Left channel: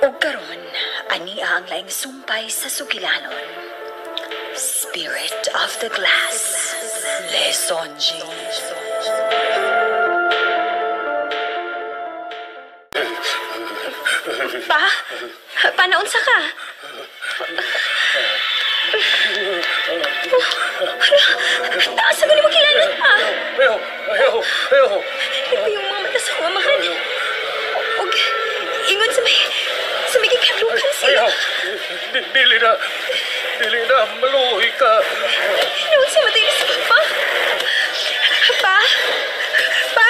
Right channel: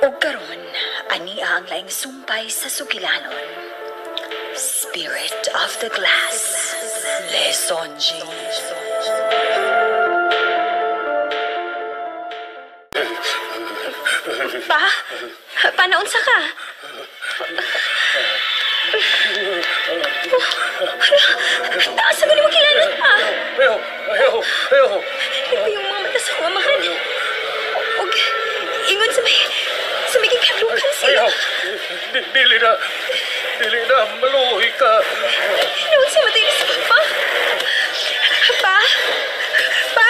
O karon, ani ang laing sumpay sa sugilanon. Spirit of the Glass. Lesonji. Pa? Panaunsa ka? Taas sa mo kilanon pa. Ayaw. Ito yung mga mata sa kumahan. Og, ingon sa may kikadlukan siya. Ayaw. Dili na, maluhi ka. Noon sa matay ni si Papa. Pa? Pa?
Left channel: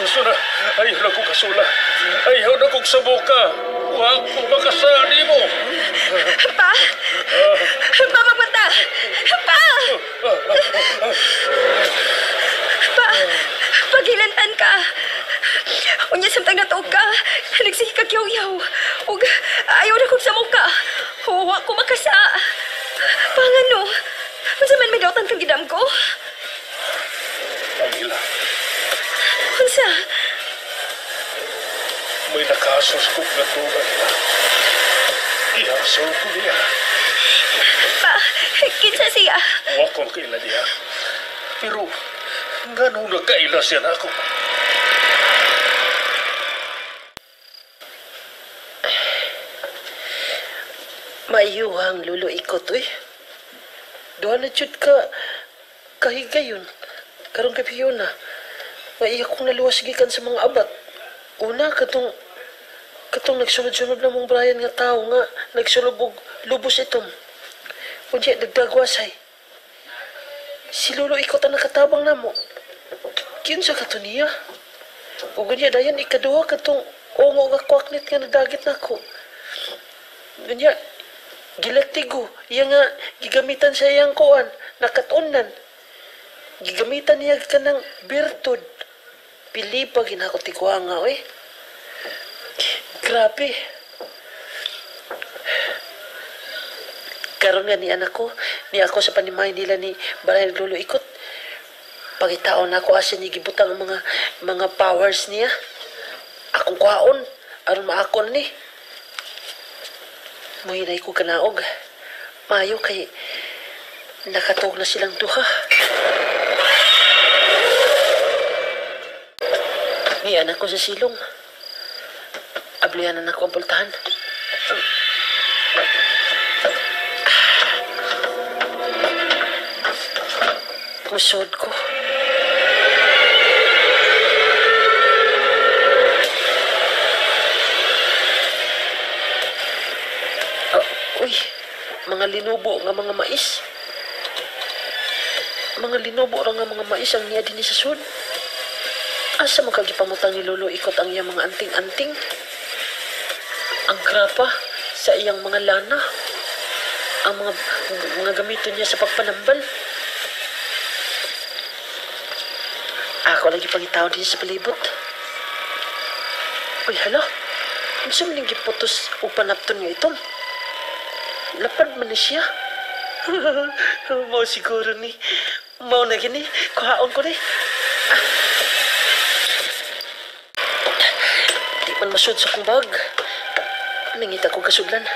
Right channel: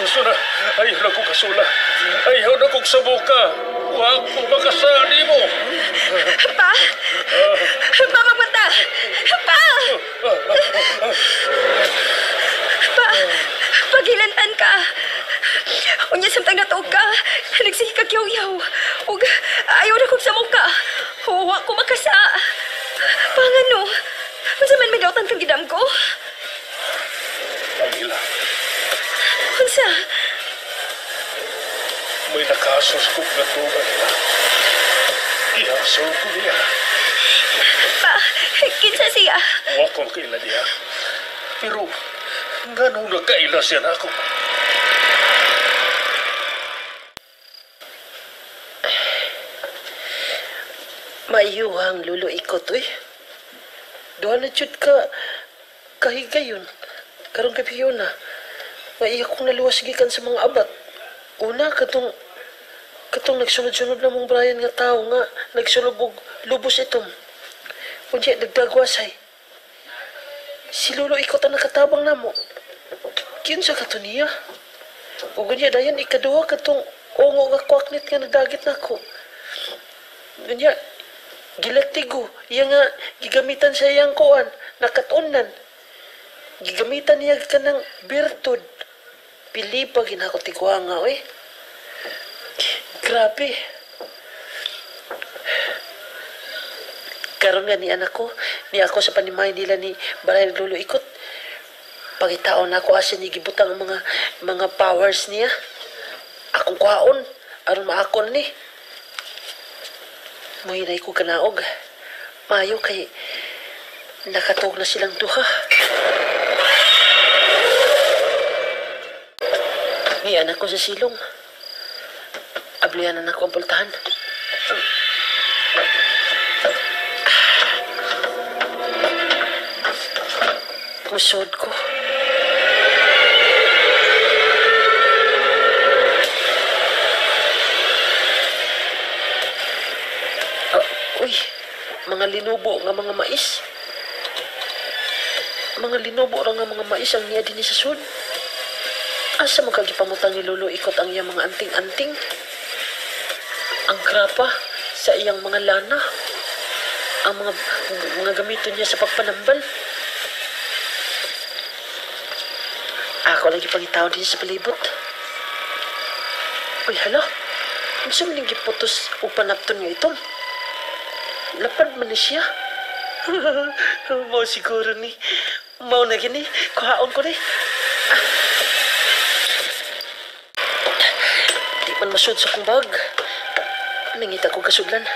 Gusto na, ayaw na kong kasula. Ayaw na kong sabuka. Huwag ko makasali mo. Pa? Pa, magpunta! Pa! Pa! Paghilantan ka! Unya samtang natuog ka, nagsihi ka kyaw-yaw. Ug ayaw na kong sa muka. Huwa ko makasa. Pangano? Unsa man may dautan kang gidam ko? Pangila, Unsa? may nakasos kong gatugan na. Ihasol ko niya. Pa, kinsa siya? Huwag kong kaila niya. Pero, ganun na kaila siya na ako. Maiyuhang lulo ikot, uy. Doon na jud ka kahigayon. Karong kapiyon na. Maiya kong naluwas gikan sa mga abat. Una, katong nagsunod-sunod na mong Brian nga tao nga nagsulubog lubos itom. Kunya, nagdagwasay. Si lulo ikot ang nakatabang na mo. Kiyon sa katuniya. O kunya, dayan ikaduha katong ongo nga kwaknit nga nagdagit na ko. Kunya, gilatigo, iya nga gigamitan sa iyang kuan, nakatunan. Gigamitan niya ka ng birtud. Pili pa ginako tigwa nga, eh. Grabe. Karon nga ni anak ko, ni ako sa panimay nila ni Barayag Lolo Ikot. Pagitaon na ako asa ni gibutang ang mga powers niya. Akong kwaon, aron maakon ni. Muhinay ko kanaog. Mayo kay nakatog na silang duha. Ni anak ko sa silong. Ablianan ako ang pultahan. Musod ko. Uy, mga linubo nga mga mais. Mga linubo ra nga mga mais ang niya din sa sud. Asa magkagipamutang ni Lolo Ikot ang iyang mga anting-anting. Ang grapa sa iyang mga lana. Ang mga gamiton niya sa pagpanambal. Ako lagi pangitaw din sa palibot. Uy, hala. Ano sa maning giputos o panapton nga itong? Lapad man ni siya. Mau siguro ni. Mau na gini. Kuhaon ko ni. Di man masud sa kong bag. Nangita ko kasudlan.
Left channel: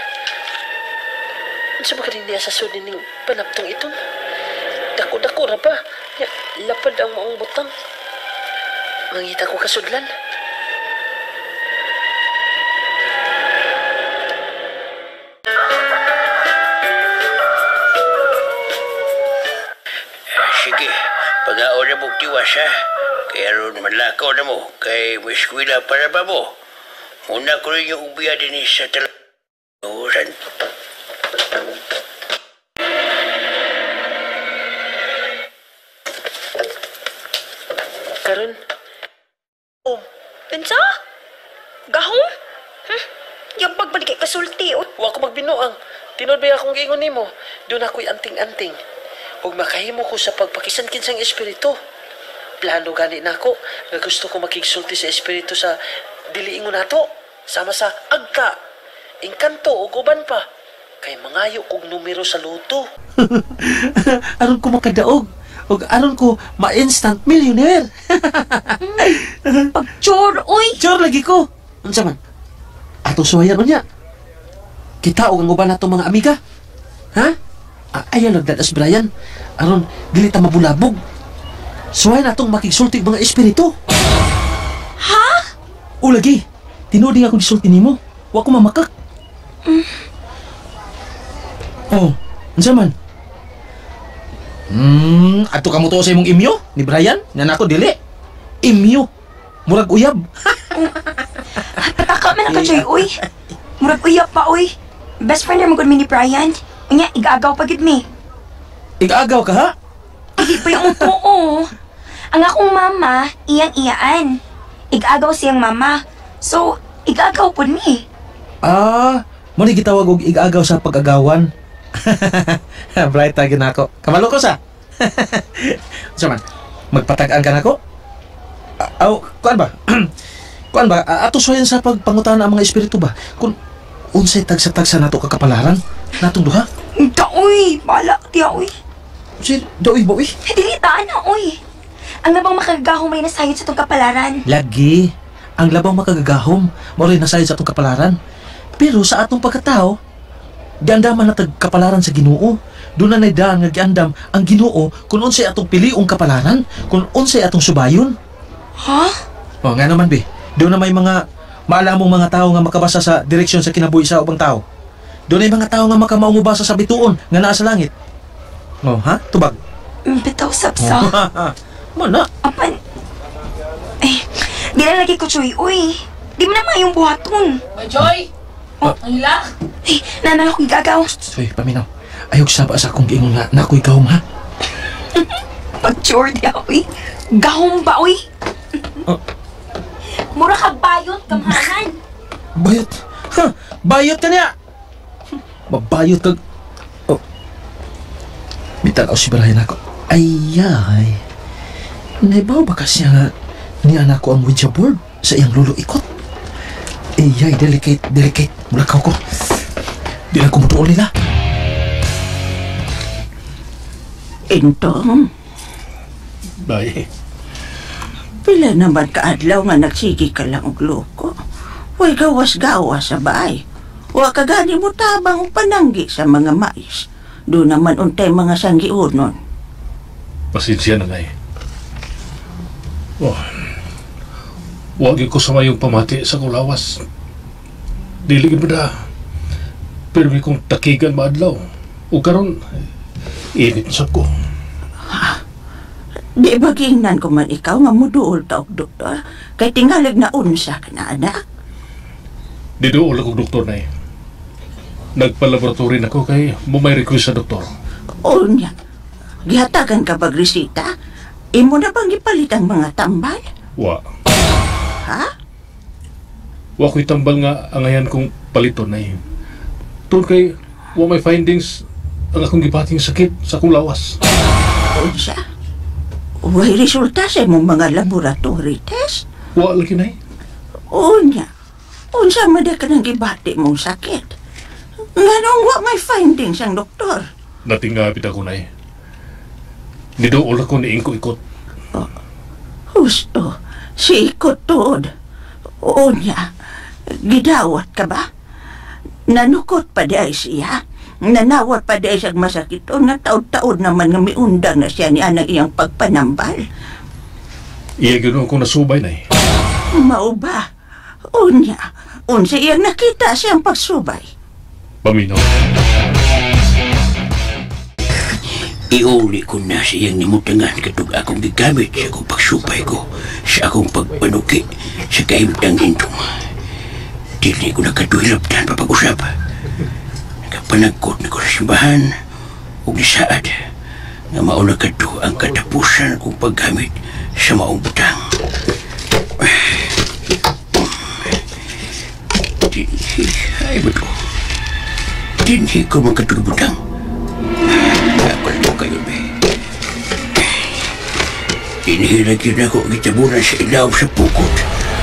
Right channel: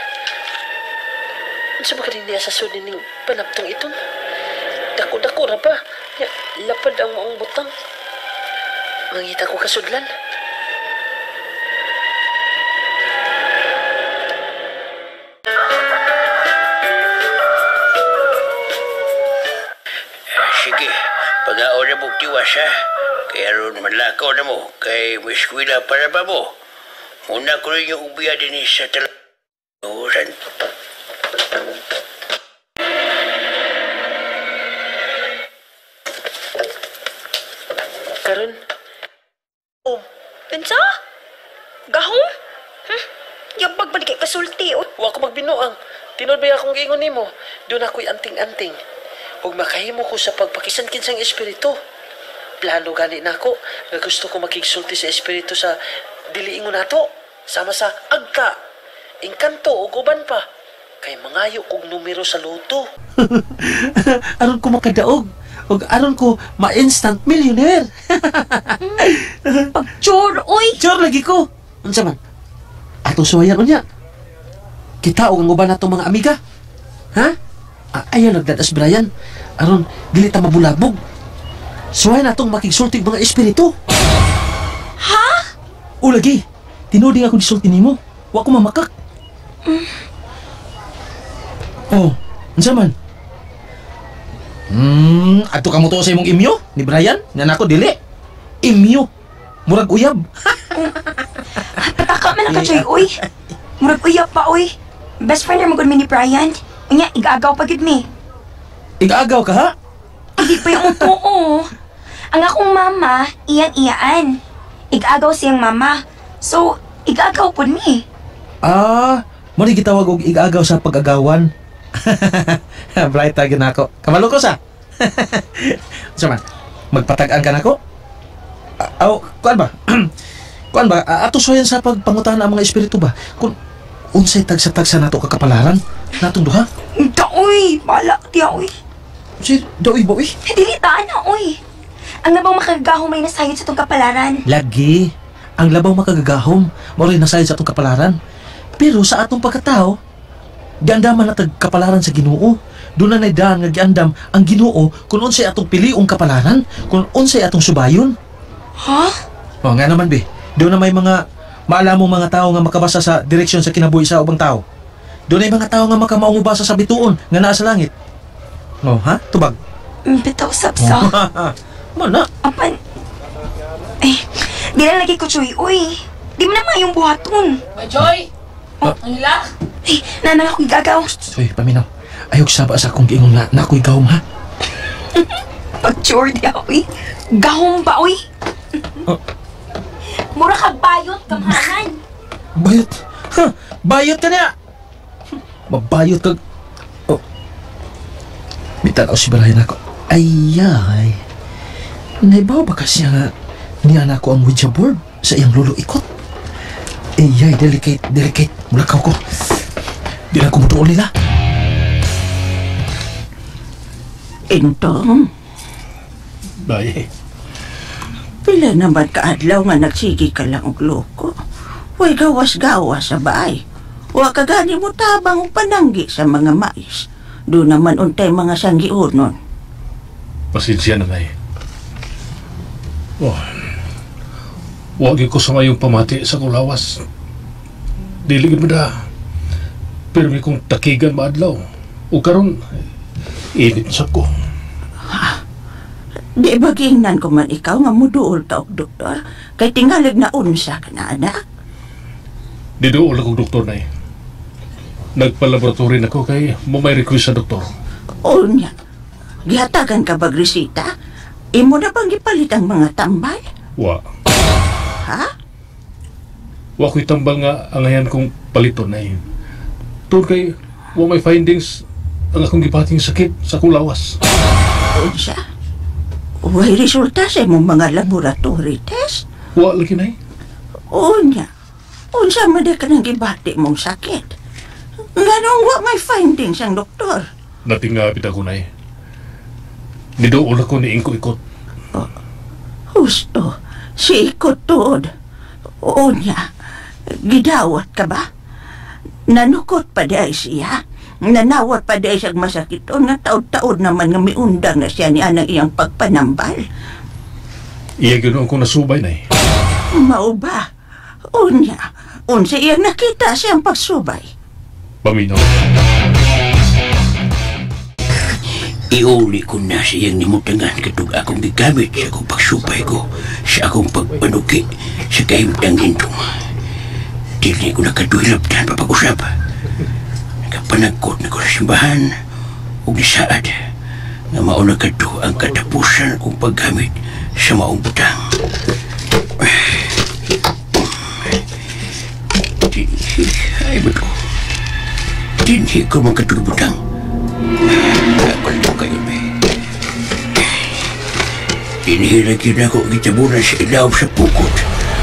Ano sa ba niya sa sud ning panaptong itong? Dako-dako ra pa. Lapad ang maong butang. Nangita ko kasudlan. Sige, pag-aon na mong tiwas ha. Kaya ron malakaw na mo. Kay may eskwela para ba mo? Muna ko rin yung ubiya din sa talasan. Karon. Oh, kinsa? Gahong? Yabag ba di kay kasulti? Wa ko magbinuang. Tinod ba akong giingon nimo? Doon ako'y anting-anting. Ug makahimo ko sa pagpakisan-kinsang espiritu. Plano gani nako nga gusto ko makigsulti sa espiritu sa diliingon nato sama sa agka engkanto o guban pa. Kay mangayo kog numero sa loto. Aron ko makadaog. O aron ko ma-instant millionaire. Pag-chore, uy! Sure lagi ko. Unsa man? Atong suwayan unya. Kita og ang uban natong mga amiga. Ha? Ayan nagdadas Brian. Aron dili ta mabulabog. Suwayan natong makigsulti mga espiritu. Ha? O lagi. Tinuding ako disulti nimo. Wa ko mamakak. Oh, unsa man? Ato ka mo to sa imong imyo ni Brian? Nga nako dili. Imyo. Murag uyab. Pataka man ako, Joy, uy. Murag uyap pa, uy. Best friend naman gud mi ni Brian. Unya, igagaw pa gid mi. Igaagaw ka ha? Hindi pa yung totoo. Ang akong mama, iyan-iyaan. Igagaw siyang mama. So, igagaw po ni. Mo ni gitawag og igaagaw sa pag-agawan. Bright tagin ako. Kamalo ko sa. Unsa man? Magpatag-an ka nako? Kuan ba? Kuan ba? Ato soyan sa pagpangutan ang mga espiritu ba? Kung unsay tagsa-tagsa nato kakapalaran natong duha? Uy, bala, tiya, uy. Si daoy ba uy? Dili taan na, uy. Ang nabang makagahong may nasayod sa tong kapalaran. Lagi. Ang labang makagagahom, mao'y nasayod sa atong kapalaran. Pero sa atong pagkatao, giandaman na tagkapalaran sa Ginoo. Doon na daan nga giandam ang Ginoo kung unsay atong piliong kapalaran, kung unsay atong subayon. Ha? O nga naman be, doon na may mga maalamong mga tao nga makabasa sa direksyon sa kinabuhi sa ubang tao. Doon ay mga tao nga makamaungubasa sa bituon nga naa sa langit. O ha? Tubag. Bitaw sapsa. Mana? Apan. Di na lagi ko, Joy, uy. Di mo naman yung buhaton. Joy! Ang hila? Nanang ako igagaw. Uy, paminaw. Ayog saba sa akong giingon nga nako'y gawom ha. Pag-chore di ako, uy. Gahong ba, uy? Mura ka bayot, kamhanan. Bayot. Ha? Bayot ka niya. Mabayot ka. Oh. Bitanaw si Brian ako. Ayay. Naibaw ba kasi nga niya na ako ang Ouija board sa iyang lolo ikot? Ayay, delicate. Mulakaw ko. Di na kumutuol nila. Intong, Day, pila naman kaadlaw nga nagsigi ka lang og loko. Huwag gawas-gawas sa bahay. Huwag ka gani mo tabang o pananggi sa mga mais. Doon naman untay mga sanggiunon. pasensya na Day. Oh, wag ko sa mayong pamati sa kulawas. Dili gid da. Pero may kong takigan maadlaw. O karon init sa ko. Di ba gingnan ko man ikaw nga muduol ka og doktor? Kay tingalig na unsa ka na anak. Diduol akong doktor na eh. Nagpalaboratory na ko kay mo may request sa doktor. Unya, gihatagan ka bag resita? Imo na bang gipalit ang mga tambal? Wa. Ha? Wa ko'y tambal nga angayan kong paliton na eh. Tungkol kay wa may findings ang akong gipating sakit sa akong lawas. Unsa? Way resulta sa imong mga laboratory test? Wa lagi na eh. Unya, unsa man ka nang gibati mong sakit? Nganong wa may findings ang doktor? Natingapit ako na eh. Nidool ako ni Ingko-ikot. Husto, si ikot tuod. Unya, gidawat ka ba? Nanukot pa di siya? Nanawat pa di siyang masakit o nga taod-taod naman nga miundang na siya ni anang iyang pagpanambal. Iya ganoon akong nasubay na eh. Mao ba? Unya, unsa iyang nakita siyang pagsubay? Paminaw. Iuli ko na siyang nimutangan katong akong gigamit sa akong pagsupay ko sa akong pagpanuki sa kaimtang intong. Dili ko nakadulaptan papag-usap. Nakapanagkot na ko sa simbahan o nisaad nga mauna kadto ang katapusan kong paggamit sa maong butang. Ay ba ito? Dinhi ko magkatulubutang. Ako ito kayo, be. Inihirag yun ako gitabunan sa ilaw sa pukot.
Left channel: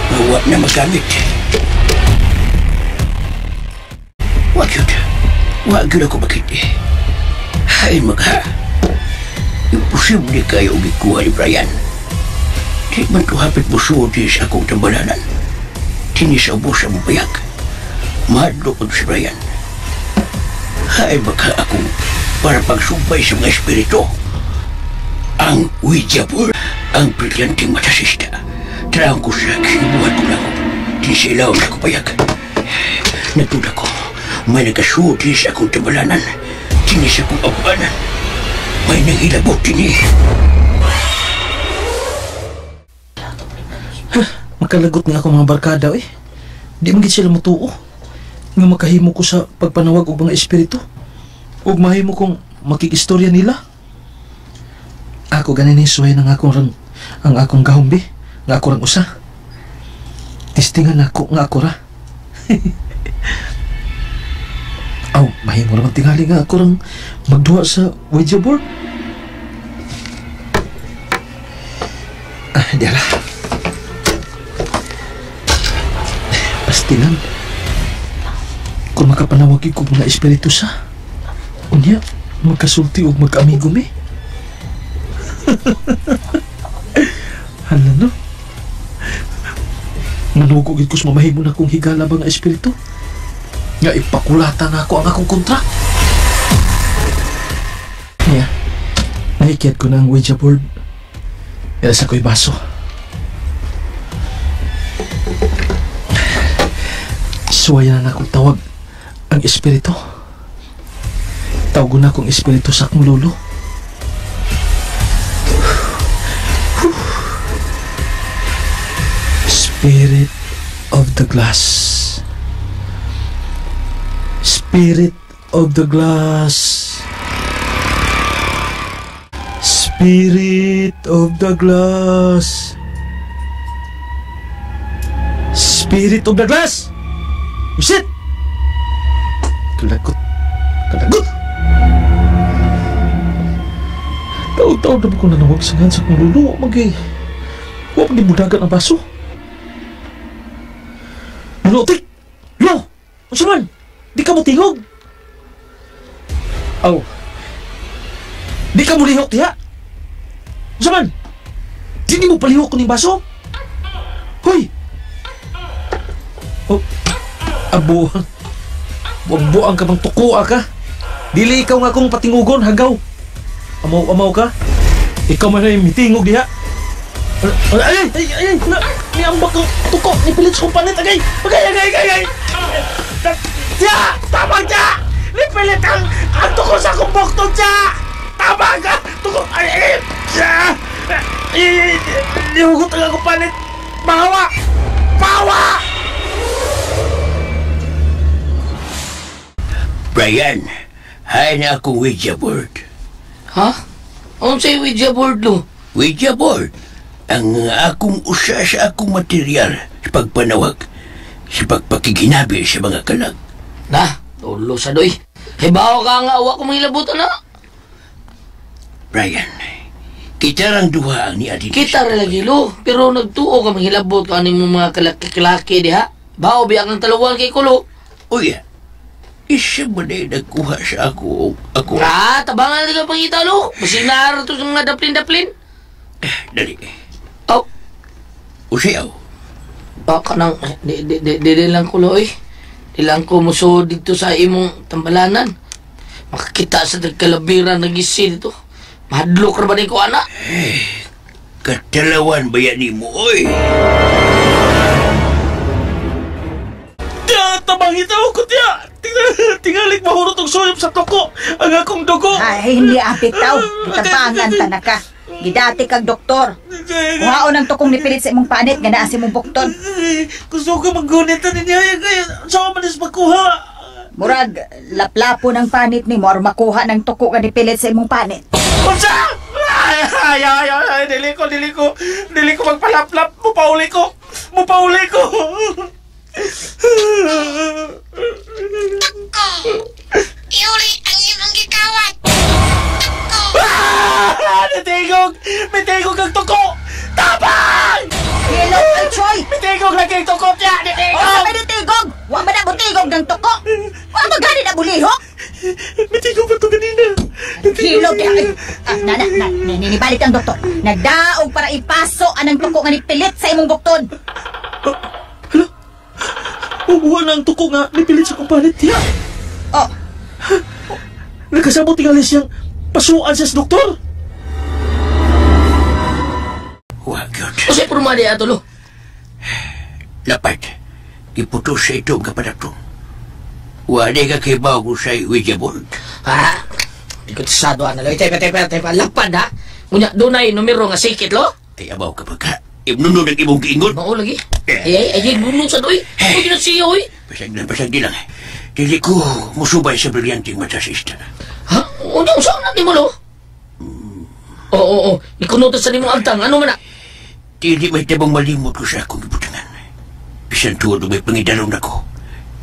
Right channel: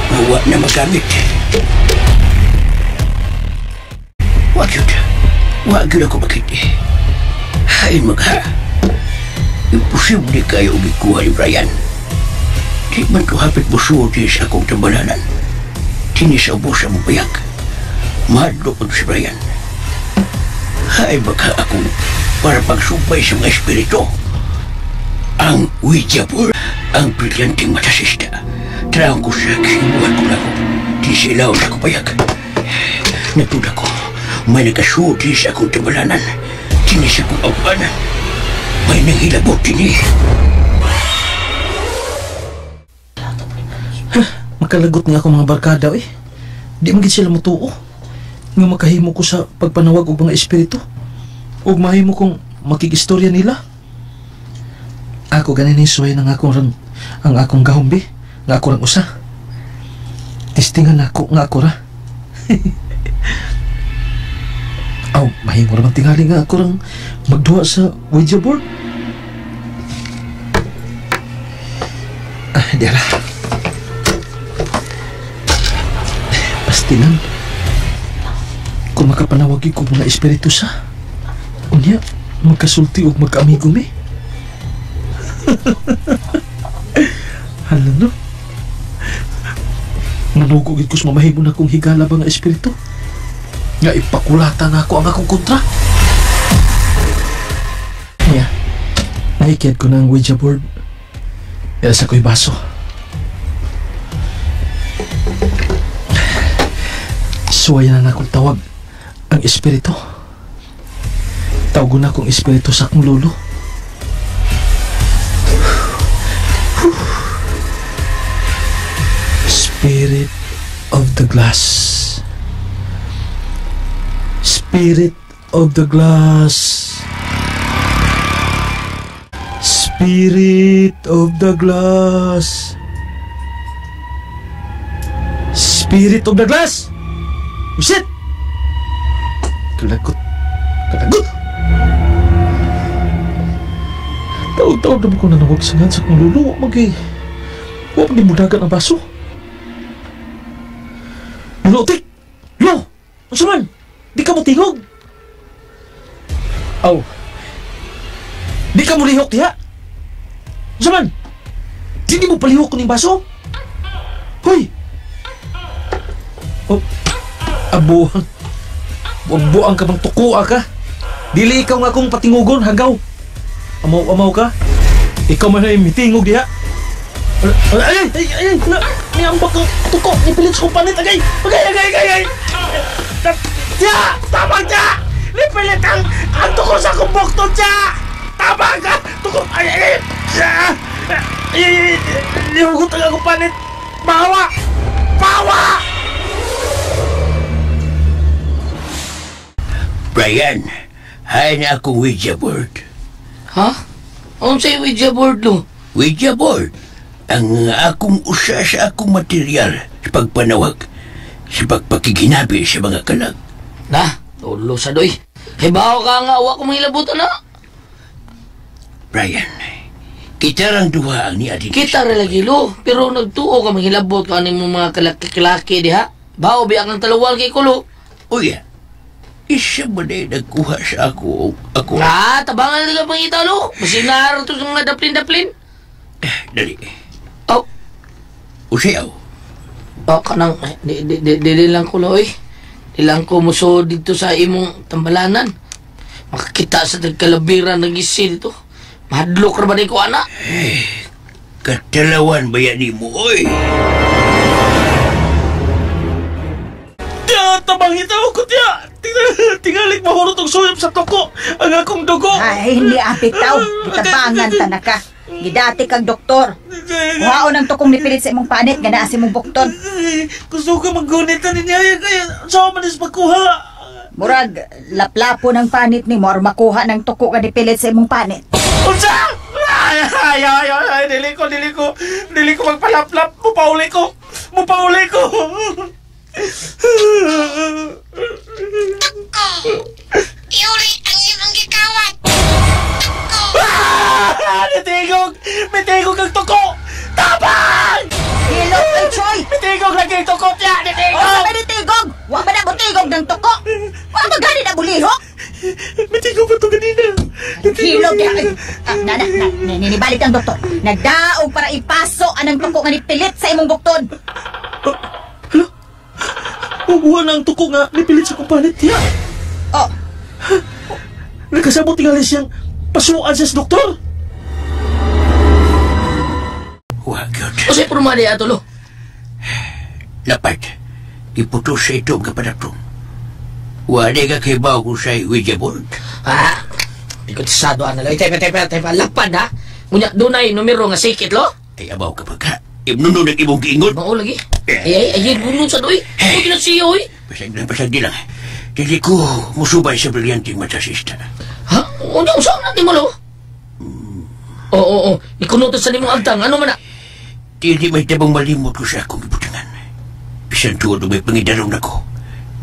Mawa na magamit. yun. Wag yun ako makiti. Hay magha. Imposible kayo ikuha ni Brian. Di man to hapit busuod sa akong tambalanan. Tinis ang busa mo payak. Mahadlo ko si Brian. Hay magha ako para pagsumpay sa mga espiritu. Ang Ouija board, ang brilyanting matasista. Traong ko sa kisibuhan ko lang. Tinisilaw na ko payak. Natula ko, may nagasuod sa akong tambalanan. Tinis akong awanan. May nanghilabot din Makalagot nga ako mga barkada eh. Di magit sila mutuo. Nga makahimo ko sa pagpanawag og mga espiritu. Ug mahimo kong makikistorya nila. Ako ganin isuway ng ang akong gahumbi. Nga ako rang usa. Tistingan ako nga ako ra. Aw, mahimo naman tingali nga ako rang magduwa sa Ouija board. Diala. Pastinan. Kung makapanawagi ko mga espiritu sa unya, magkasulti o magkaamigo mi. Hala no? Manugugid ko sa mamahimo na kong higala ba nga espiritu? Nga ipakulata na ako ang akong kontra. Kaya, nahikiad ko na ang Ouija board. Sa ko'y baso. Suwayan na akong tawag ang espiritu. Tawag na akong espiritu sa akong lolo. Spirit of the glass. Spirit of the glass. Spirit of the glass. Spirit of the glass. Shit! Kalagot. Kalagot! Taon-taon naman ko nanawag sa nga sa kong lulu. Huwag mag-imudagan ang baso. Lulu, tik! Lulu! Ano man? Di ka mo tingog? Aw. Di ka mo lihok, tiya? Ano man? Di mo palihok ko ng baso? Hoy! Oh, abuhan. Buang-buang ka bang tukuha ka? Dili ikaw nga akong patingugon, hagaw. Amaw-amaw ka? Ikaw man ay mitingog diha. Ay! Niambak ko tuko, nipilit sa kumpanit, agay! Agay! Tiya! Tama ka! Nipilit ang tuko sa kumbokto, tiya! Tama ka! Tuko! Ay! Tiya! Nihugot ang kumpanit! Mahawa! Pawa! Brian, hay na akong Ouija board. Ha? Ano sa'yo Ouija board, lo? Ouija board, ang akong usa sa akong material sa pagpanawag, sa pagpakiginabi sa mga kalag. Na, tulo sa doy. Hibaw ka nga, awa ko mangilabutan na. Brian, kita lang duha ang ni Adin. Kita rin lagi, lo. Pero nagtuo ka manghilabot ka ni mga kalaki-kalaki, di ha? Bao, biyak ng talawal kay Kulo. Uya, isa ba na nagkuha sa ako? Tabangan na ka pangita, lo. Masing naharo to sa mga daplin-daplin. Dali. Oh. Usiyaw. Kanang, di lang ko, lo, eh. Di lang ko muso dito sa imong tambalanan. Makakita sa nagkalabiran ng isi dito. Mahadlok ra ba ni ko, anak? Katalawan ba yan ni mo, oy? Tabang hitaw ko, tiya! Tingalik mahurot ang suyop sa toko ang akong dugo. Ay, hindi apitaw. Gitabangan ta na ka. Gidati kag doktor. Kuhaon ang tukong nipilit sa imong panit nga naa sa imong bukton. Gusto ko maggunit na niya kaya saan man is magkuha. Murag, laplapo ng panit ni mo or makuha ng tuko nga nipilit sa imong panit. Unsa? Ay, dili ko magpalaplap. Mupauli ko. Iuli ang imong gikawat. Mitigog ang tuko! Tabang! Hello, ay Choy! Mitigog lagi ang tuko niya! O sa may nitigog! Wa ba na butigog ng tuko? Wa ba gani na lihok? Matigaw pa ito kanina. Hilog kaya. Ninibalik ang doktor. Nagdaog para ipaso anang tuko nga nipilit sa imong buktod. Hala? Wala ang tuko nga nipilit sa kumpalit niya. Oh. Nagkasabot tingali siyang pasuan siya sa doktor. Wag yun. O siya purumali ato lo. Lapat. Iputos sa itong kapadaptong. Wala ka kay bago sa Ouija-board. Ha? Ikot sado ana lo. Tepa. Lapad ha? Ngunya, dunay numero nga sikit lo? Ay, abaw ka pa ka. Ibnunod ang imong giingon. Mao lagi. Ay, bunong sa doy. Huwag ginasiyo eh. Pasag di lang. Dili ko musubay sa brilyanting matasista. Ha? Unya, usang natin mo lo? Oo. Ikunutot sa limong agtang. Ano man na? Dili may tabang malimot ko sa akong ibutangan. Bisan tuwad may pangidarong na ko.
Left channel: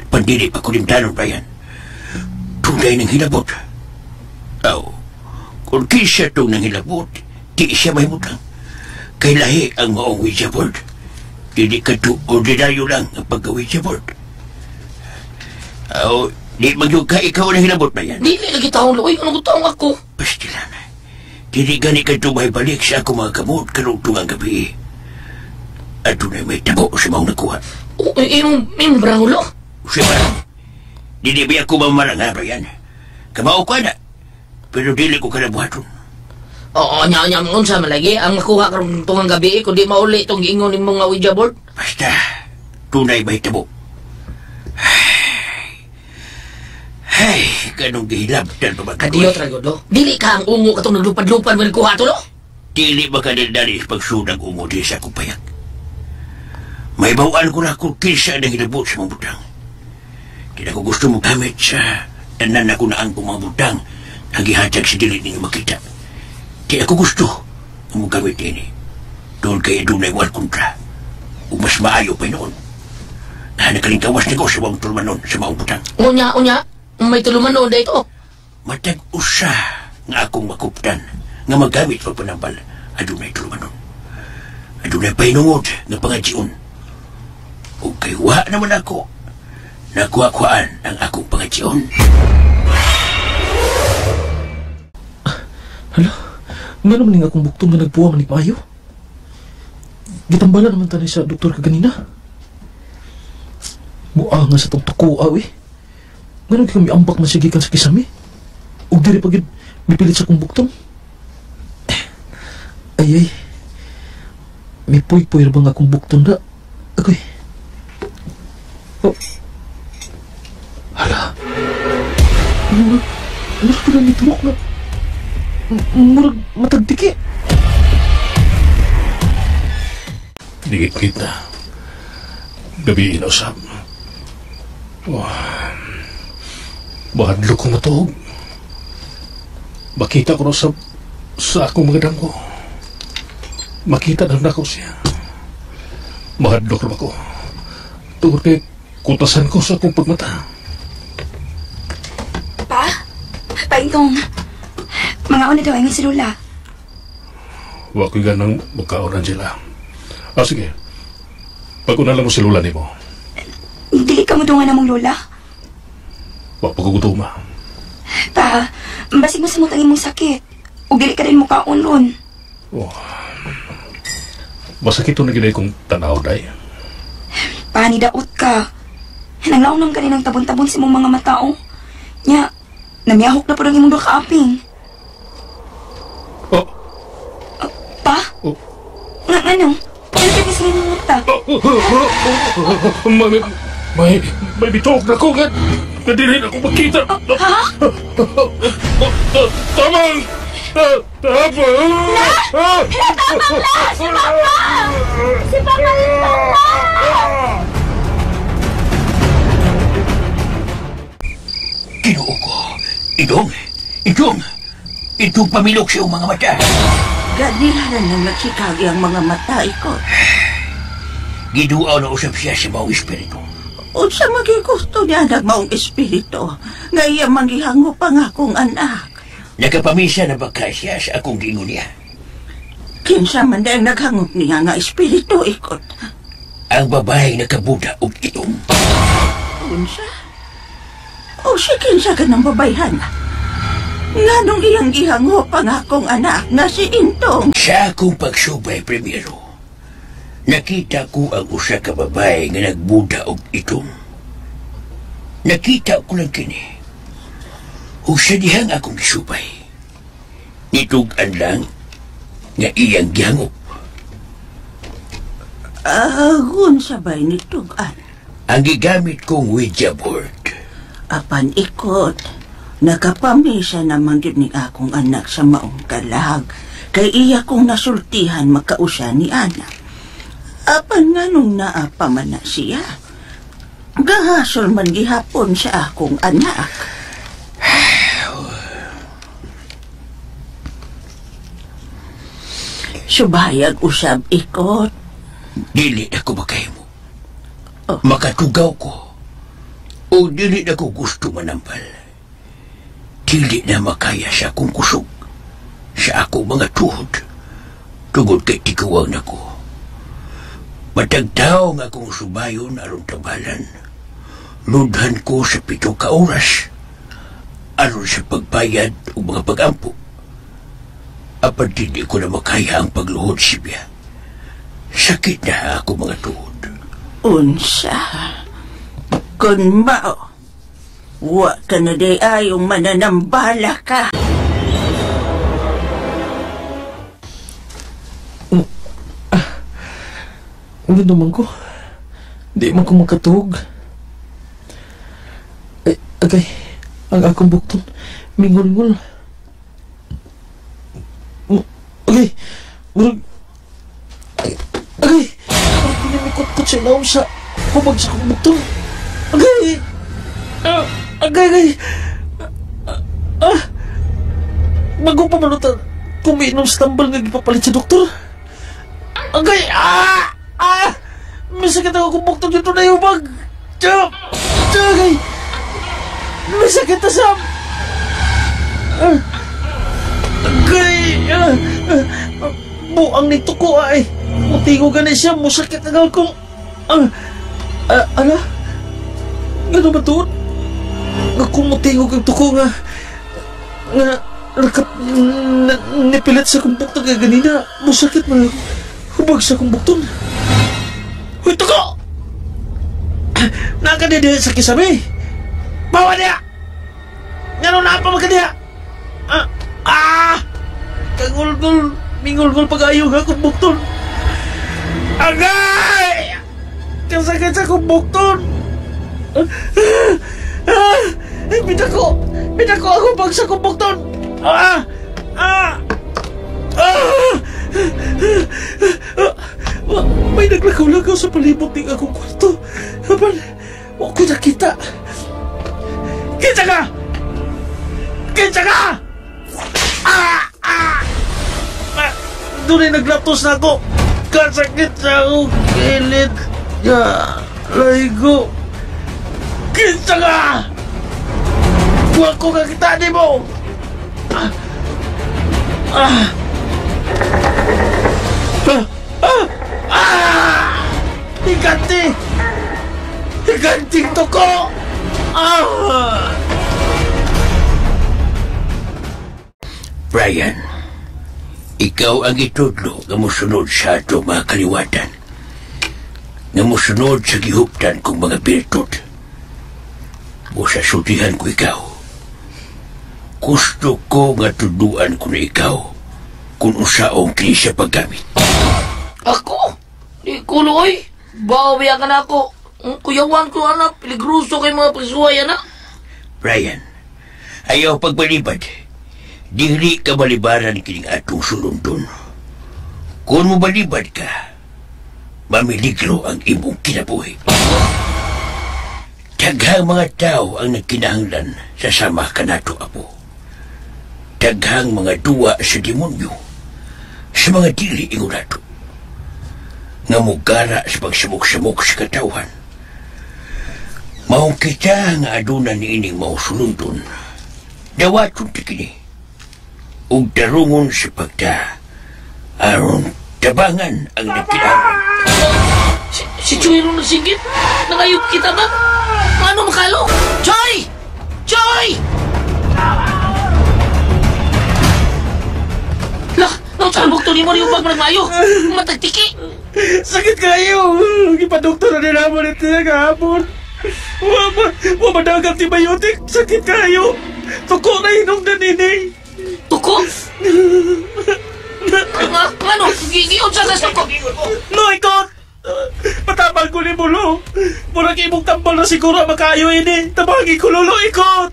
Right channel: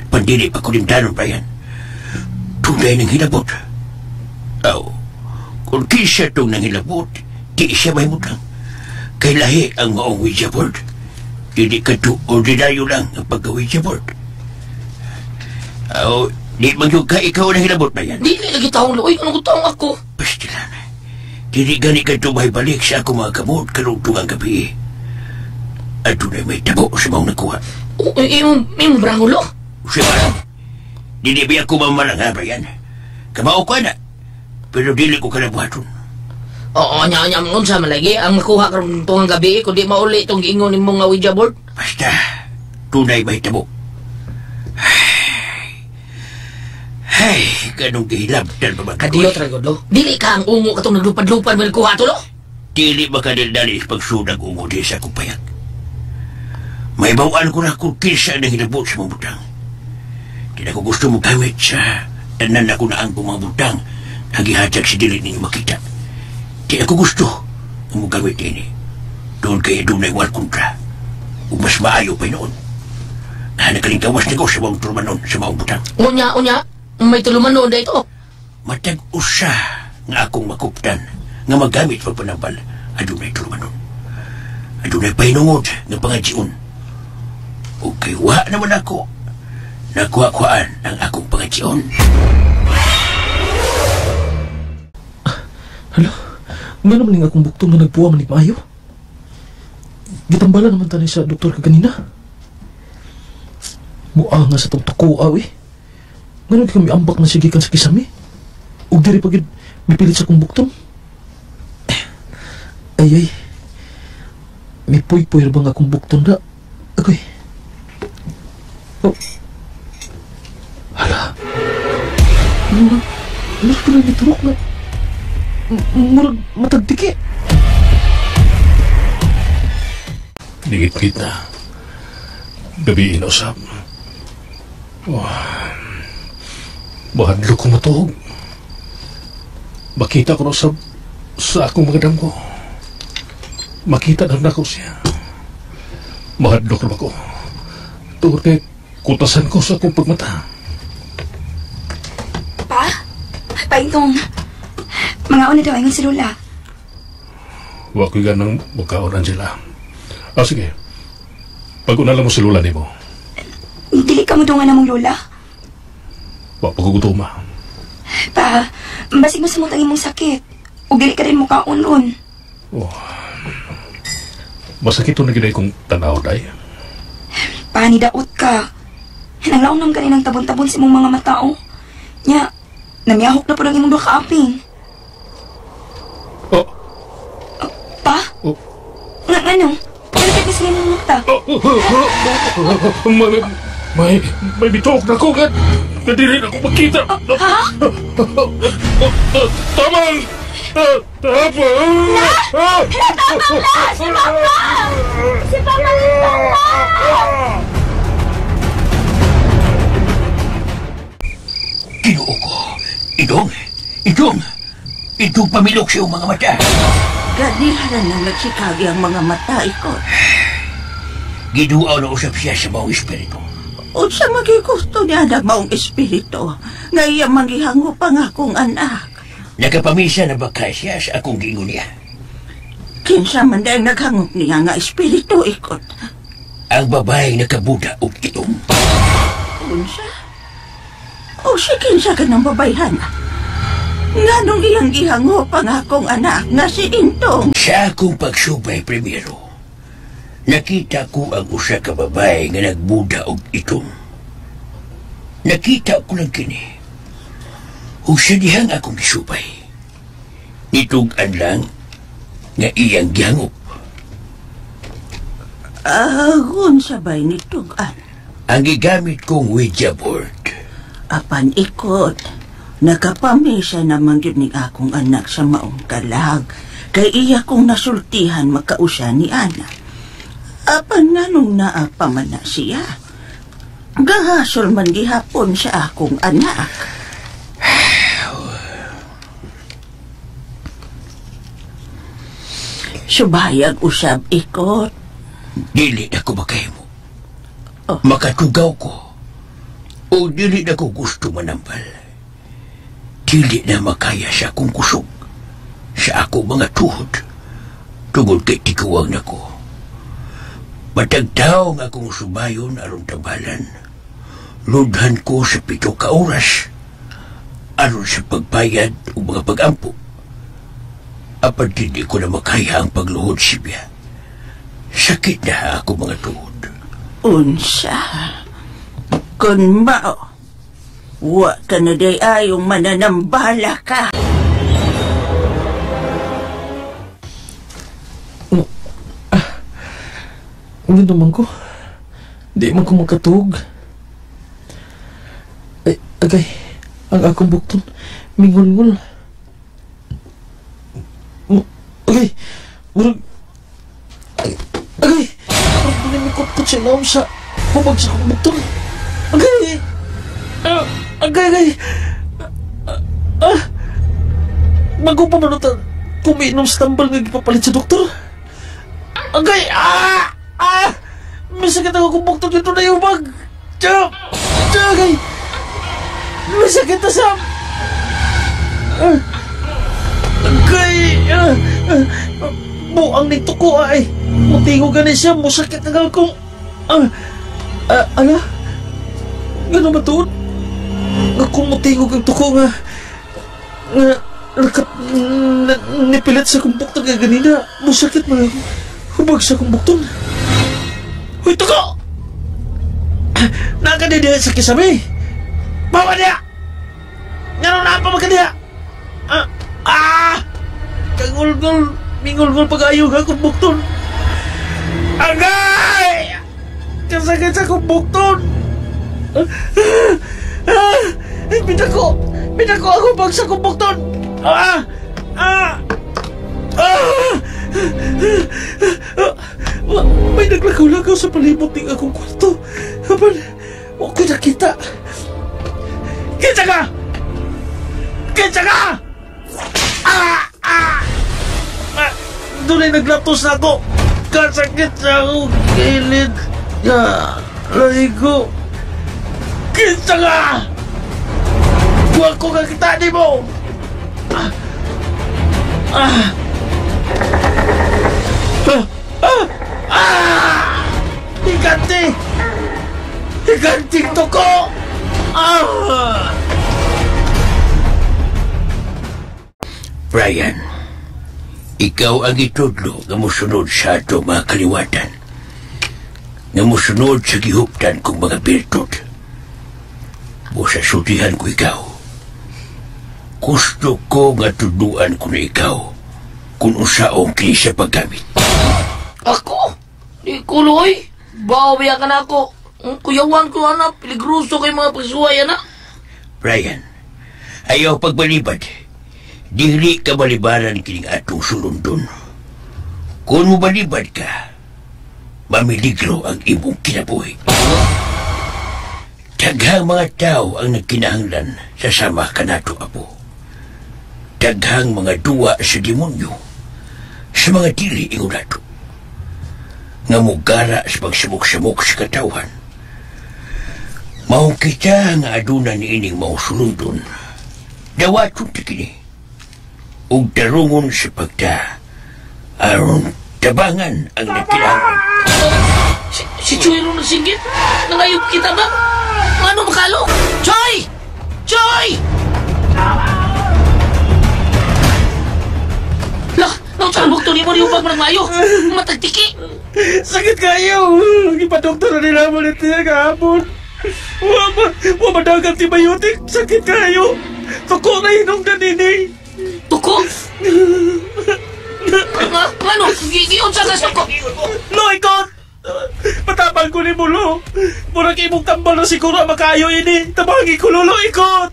Pandili pa ko limdanon pa yan. Tunay ng hilabot. Aw, kung kisa itong nang hilabot, di siya may mutang. Kay lahi ang maong Ouija board. Dili ka to ordinaryo lang ang pagka-Ouija board. Aw, di magyug ka ikaw na hilabot ba yan? Dili lagi taong lo. Ay, anong taong ako? Pastilan. Dili gani ka to may balik sa ako mga kamot karugtong ang gabi. At tunay may tabo sa maong nakuha. O, yung brangulo? Siya, dili ba ako mamarang ha, Brian? Kamao ka na. Pero dili ko kalabuhaton. Oo, nya unsa man lagi ang makuha karon tungang gabi kundi mauli itong giingon nimong nga Ouija board. Basta, tunay may tabo. Ay, ganong gihilabtan pa ba? Kadiyot ra gud lo. Dili ka ang ungo katong naglupad-lupad mo kuha to lo. Dili ba ka dali pagsudag ungo di sa akong payak? May bawaan ko na kung kinsa na hilabot sa mga butang. Di na ko gusto mo gamit sa tanan ako na ang mga butang na gihatag sa dili ninyo makita. Di ako gusto mo gamit ini. Doon kaya doon ay wal kontra. O mas maayo pa noon. Na nakalingkawas ni ko sa mga tulumanon sa mga butang. Unya, may tulumanon da ito. Matag usa nga akong makuptan nga magamit pag panambal. Adunay tulumanon. Adunay pahinungod nga pangadjion. O kaywa naman ako. Nakuha-kuhaan ang akong pangadjion. Hala? Nga naman akong buktong na nagpuwang ni Maayo. Gitambala naman tayo sa doktor kaganina. Mua nga sa itong takuaw eh. Nga naman kami ambak na sigikan sa kisame. Huwag diri pagid mipilit sa kong buktong. Ay. May puy-puy ba nga akong buktong na? Agoy. Oh. Hala. Murag pala niturok nga. Murag matagtiki. Digit-git na. Gabi inausap. Bahadlo ko matuhog. Makita ko na sa akong mga damo. Makita na ako siya. Bahadlo ko na ako. Tungkol kay kutasan ko sa akong pagmata. Paintong. Mga una daw ang silula. Huwag ko ganang magkaonan sila. Sige. Pag-una lang mo si Lola ni mo. Dili ka mo doon nga namong lola. Huwag pagkugutuma. Pa, basig mo sa mutang imong sakit. O dili ka rin mo kaon ron. Masakit ito na ginay kong tanaw, day. Pa, nidaot ka. Nanglaon ka rin ng tabon-tabon sa imong mga matao. Nya, namiyahok na po ng imong doon kaaping. Pa? Ano? Bakit ni sila ng mata? May bitok na ko, gan. Nadiri na ko magkita. Ha? Tamang! Tamang! Natabang na! Si Papa! Si Papa! Ginoo ko. Idong pamilok sa iyong mga mata. Ganila na nang nagsikagi ang mga mata, ikot. Giduaw na usap siya sa maong espiritu. O sa magigusto niya na maong espiritu, ngayon maghihango pa nga akong anak. Nakapamisa na ba siya sa akong gingon niya? Kinsa man dahil naghangop niya nga espiritu, ikot. Ang babaeng nakabuda o itom. Unsa? O sige sa ka ng babayhan. Nganong iyang gihango pang akong anak nga si Intong. Sa akong pagsubay primero, nakita ko ang usa ka babae nga nagbuda og itong. Nakita ko lang kini. Ug sa dihang akong gisubay, nitugan lang nga iyang gihangop. Agon sabay nitugan. Ang gigamit kong Ouija board. Apan ikot, nakapamisa naman yun ni akong anak sa maong kalag. Kay iya kong nasultihan makausa ni Ana. Apan nga nung naapa man na siya, gahasol man gihapon sa akong anak. Subayag usab ikot. Dili ako makahimo. Makatugaw ko. O dili na ko gusto manampal. Dili na makaya sa akong kusog. Sa akong mga tuhod. Tugod kay tikuwang na ko. Matagtaw nga akong subayon aron tambalan. Ludhan ko sa 7 ka oras. Aron sa pagbayad o mga pag-ampo. Apan hindi ko na makaya ang pagluhod siya. Sakit na ako mga tuhod. Unsa? Kung mao, wa ka na day ayong mananambala ka. Ano naman ko? Di man ko makatug. Ay, agay, ang akong bukton, mingol-ngol. Agay, murag... Agay, parang pinamikot ko siya naong sa hubag sa akong bukton. Agay! Agay! Bago pa manutan, kumiinom sa tambal nga gipapalit sa doktor. Agay! May sakit ako kung bukton dito na yung bag. Agay! May sakit na Sam! Agay! Buang nito ko ay. Mutingo gani siya, musakit ang akong... Ala? Gano'n ba doon? Ako mutingo kang tuko nga... Nipilit sa kumbukton nga ganina. Musakit man lang. Hubag sa kumbukton. Uy, tuko! Nakadidi sa kisame. Bawa niya! Gano'n na pa magkaniya! Kagulgul, mingulgul pag-ayaw nga kumbukton. Agay! Kasagad sa kumbukton. Binako ako pag sa kumbukton. May naglakaw-lakaw sa palibot ng akong kwarto. Habang huwag ko nakita. Kinsa ka! Kinsa ka! Doon ay naglaptos na ako. Kasakit sa akong kilid. Laigo. Kinsa ka! Huwag ko kakita di mo! Higanti! Higanti to ko! Brian, ikaw ang itudlo nga musunod sa ato mga kaliwatan. Nga musunod sa gihuptan kong mga birtud. O sa sutihan ko ikaw. Gusto ko nga tuduan ko na ikaw kung usaong kini siya paggamit. Ako? Di ko luoy. Bawi ka na ako. Ang kuyawan ko anak, piligruso kay mga pagsuway anak. Brian, ayaw pagbalibad. Dili ka balibaran kining atong sulundon. Kung mo balibad ka, mamiligro ang imong kinabuhi. Daghang mga tao ang nagkinahanglan sa sama ka nato, Apo. Daghang mga duwa sa demonyo sa mga dili ingon nato. Nga mugara sa pagsamok-samok sa katawhan. Mahong kita nga aduna ni ining mga sulundon. Dawaton ti kini. Ug darungon sa pagta aron tabangan ang nagkinahanglan. Si Choy ron nasinggit? Nangayop kita ba? Ano makalo? Choy! Choy! Lah, nautan bukto ni mo ni upag managmayo. Matagtiki. Sakit kayo! Ipadoktor na nila mo nito kahapon. Wapadagang antibiotic. Sakit kayo! Tuko na inom na nini. Tuko? Ano? Gigiyon sa tuko. Lo, ikot! Patabang ko ni mo, lo. Murag imong tambal na siguro makayo ini. Tabangin ko, lo, ikot!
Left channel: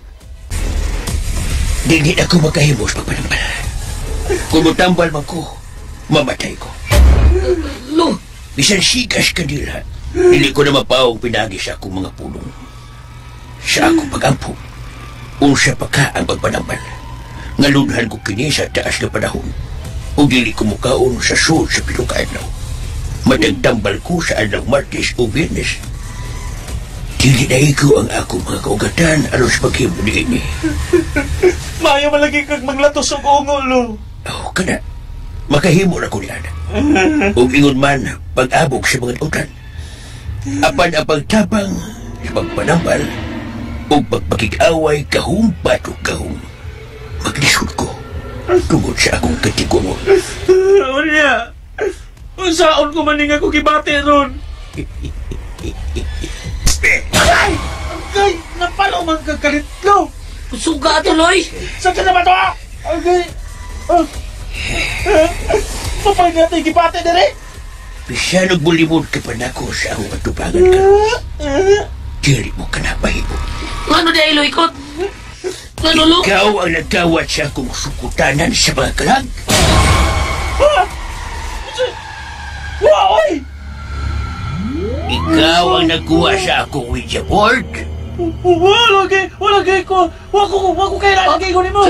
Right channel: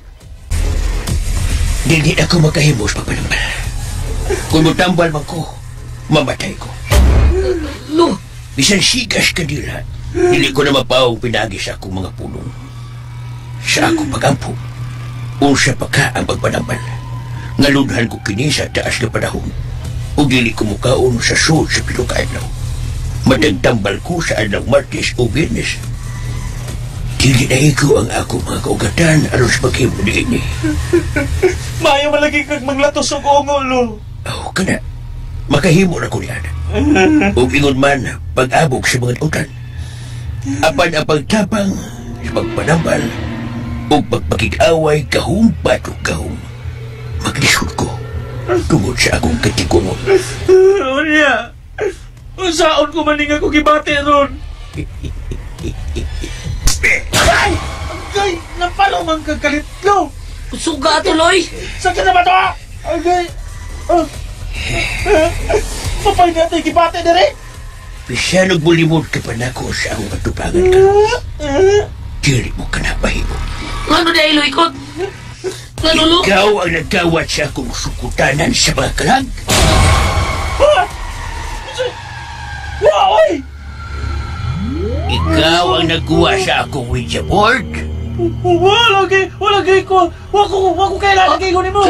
Dili ako makahimos pagpanambal. Kung matambal man ko, mamatay ko. Lo, Bisan sigas ka nila, dili ko na mapawang pinagi sa akong mga pulong. Sa akong pagampo, unsa pa ka ang pagpanambal. Ngalunhan ko kini sa taas na panahon, o dili ko mukaon sa sul sa pilukaadlaw. Madagtambal ko sa adlaw Martes o Biyernes. Dili na ikaw ang akong mga kaugatan aron sa paghimo niini. Mayo malagi kag manglatos og ungo, lo. Oh, kana. Makahimo na ko niya. O ingon man, pag-abog sa mga utan. Apan ang pagtapang sa pagpanambal o pagpakik-away kahumpat o kahum. Maglisod ko tungod sa akong katigunon. Unya, unsaon ko maning ako gibate ron? Ay, napalo man kagalit, lo. suga tuloy. Sakit na ba to? Okay. Papay natin gibate na rin. Bisa nagbulimod ka pa na ko sa akong katubangan ka. Dili mo ka na pahimo. Ano na ilo ikot? Ano lo? Ikaw ang nagkawat sa akong sukutanan sa mga kalag. Wow! Ikaw ang nagkuha sa akong Ouija board. Wala ko kailangan kayo ni mo.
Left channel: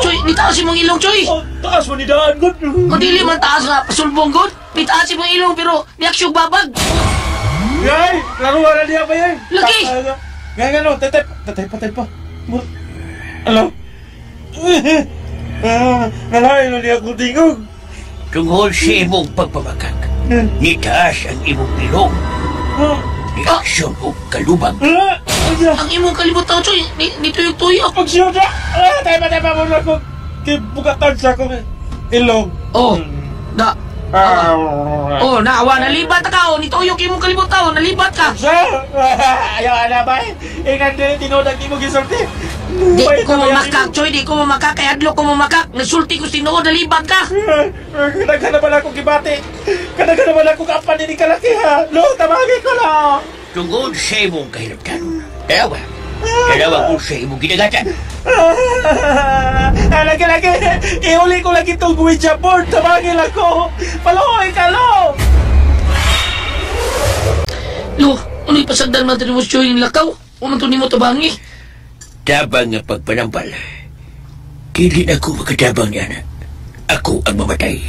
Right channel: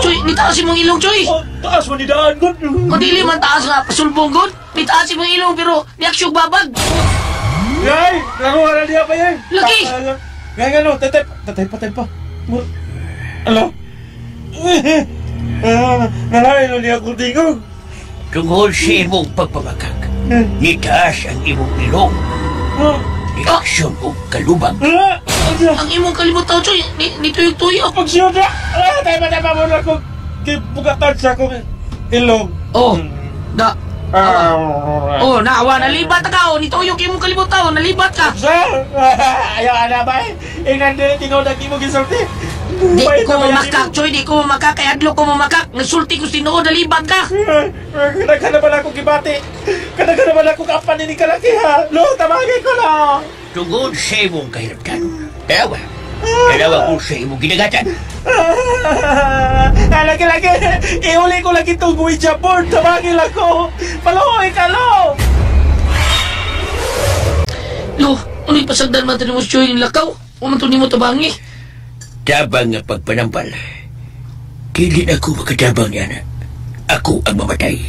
Choy, nitaas mong ilong, Choy. Taas mo ni daan, God. Madili man taas nga, pasulbong, God. Nitaas mong ilong, pero niaksyog babag. Yay! Laruan na niya ba yan? Lagi! Ngayon ano, tatay pa. Ano? Nalain na niya akong tingog. Tungkol sa imong pagpamakag, nitaas ang imong ilong. Reaksyon o kalubag. Ang imong kalimutaw, Choy, nituyog-tuyog. Pagsiyod na! Tayo pa mo na akong kibukatan sa akong ilong. Naawa, nalibat ka, nituyog imong kalimutaw, nalibat ka. Ayaw na ba eh? Ingnan tinodag mo gisulti. Di ko mamakak, Choy, di ko mamakak, kaya adlo ko mamakak. Nasulti ko sinuod, nalibat ka. Kadaghan na pala akong kibati. Kadaghan na pala akong kapan ni kalaki ha. Lo, tamagin ko lang. Tungkol sa imong kahiraptan. Dalawa ko sa imong ginagatan. Lagi, ihuli ko lagi itong Ouija board. Tamagin ako. Paloy ka, Lo. Lo, uno'y pasagdan matali mo, Choy, yung lakaw. Umantun mo tabangi. Tabang nga pagpanampal. Kili na ako magkatabang yan. Ako ang mamatay.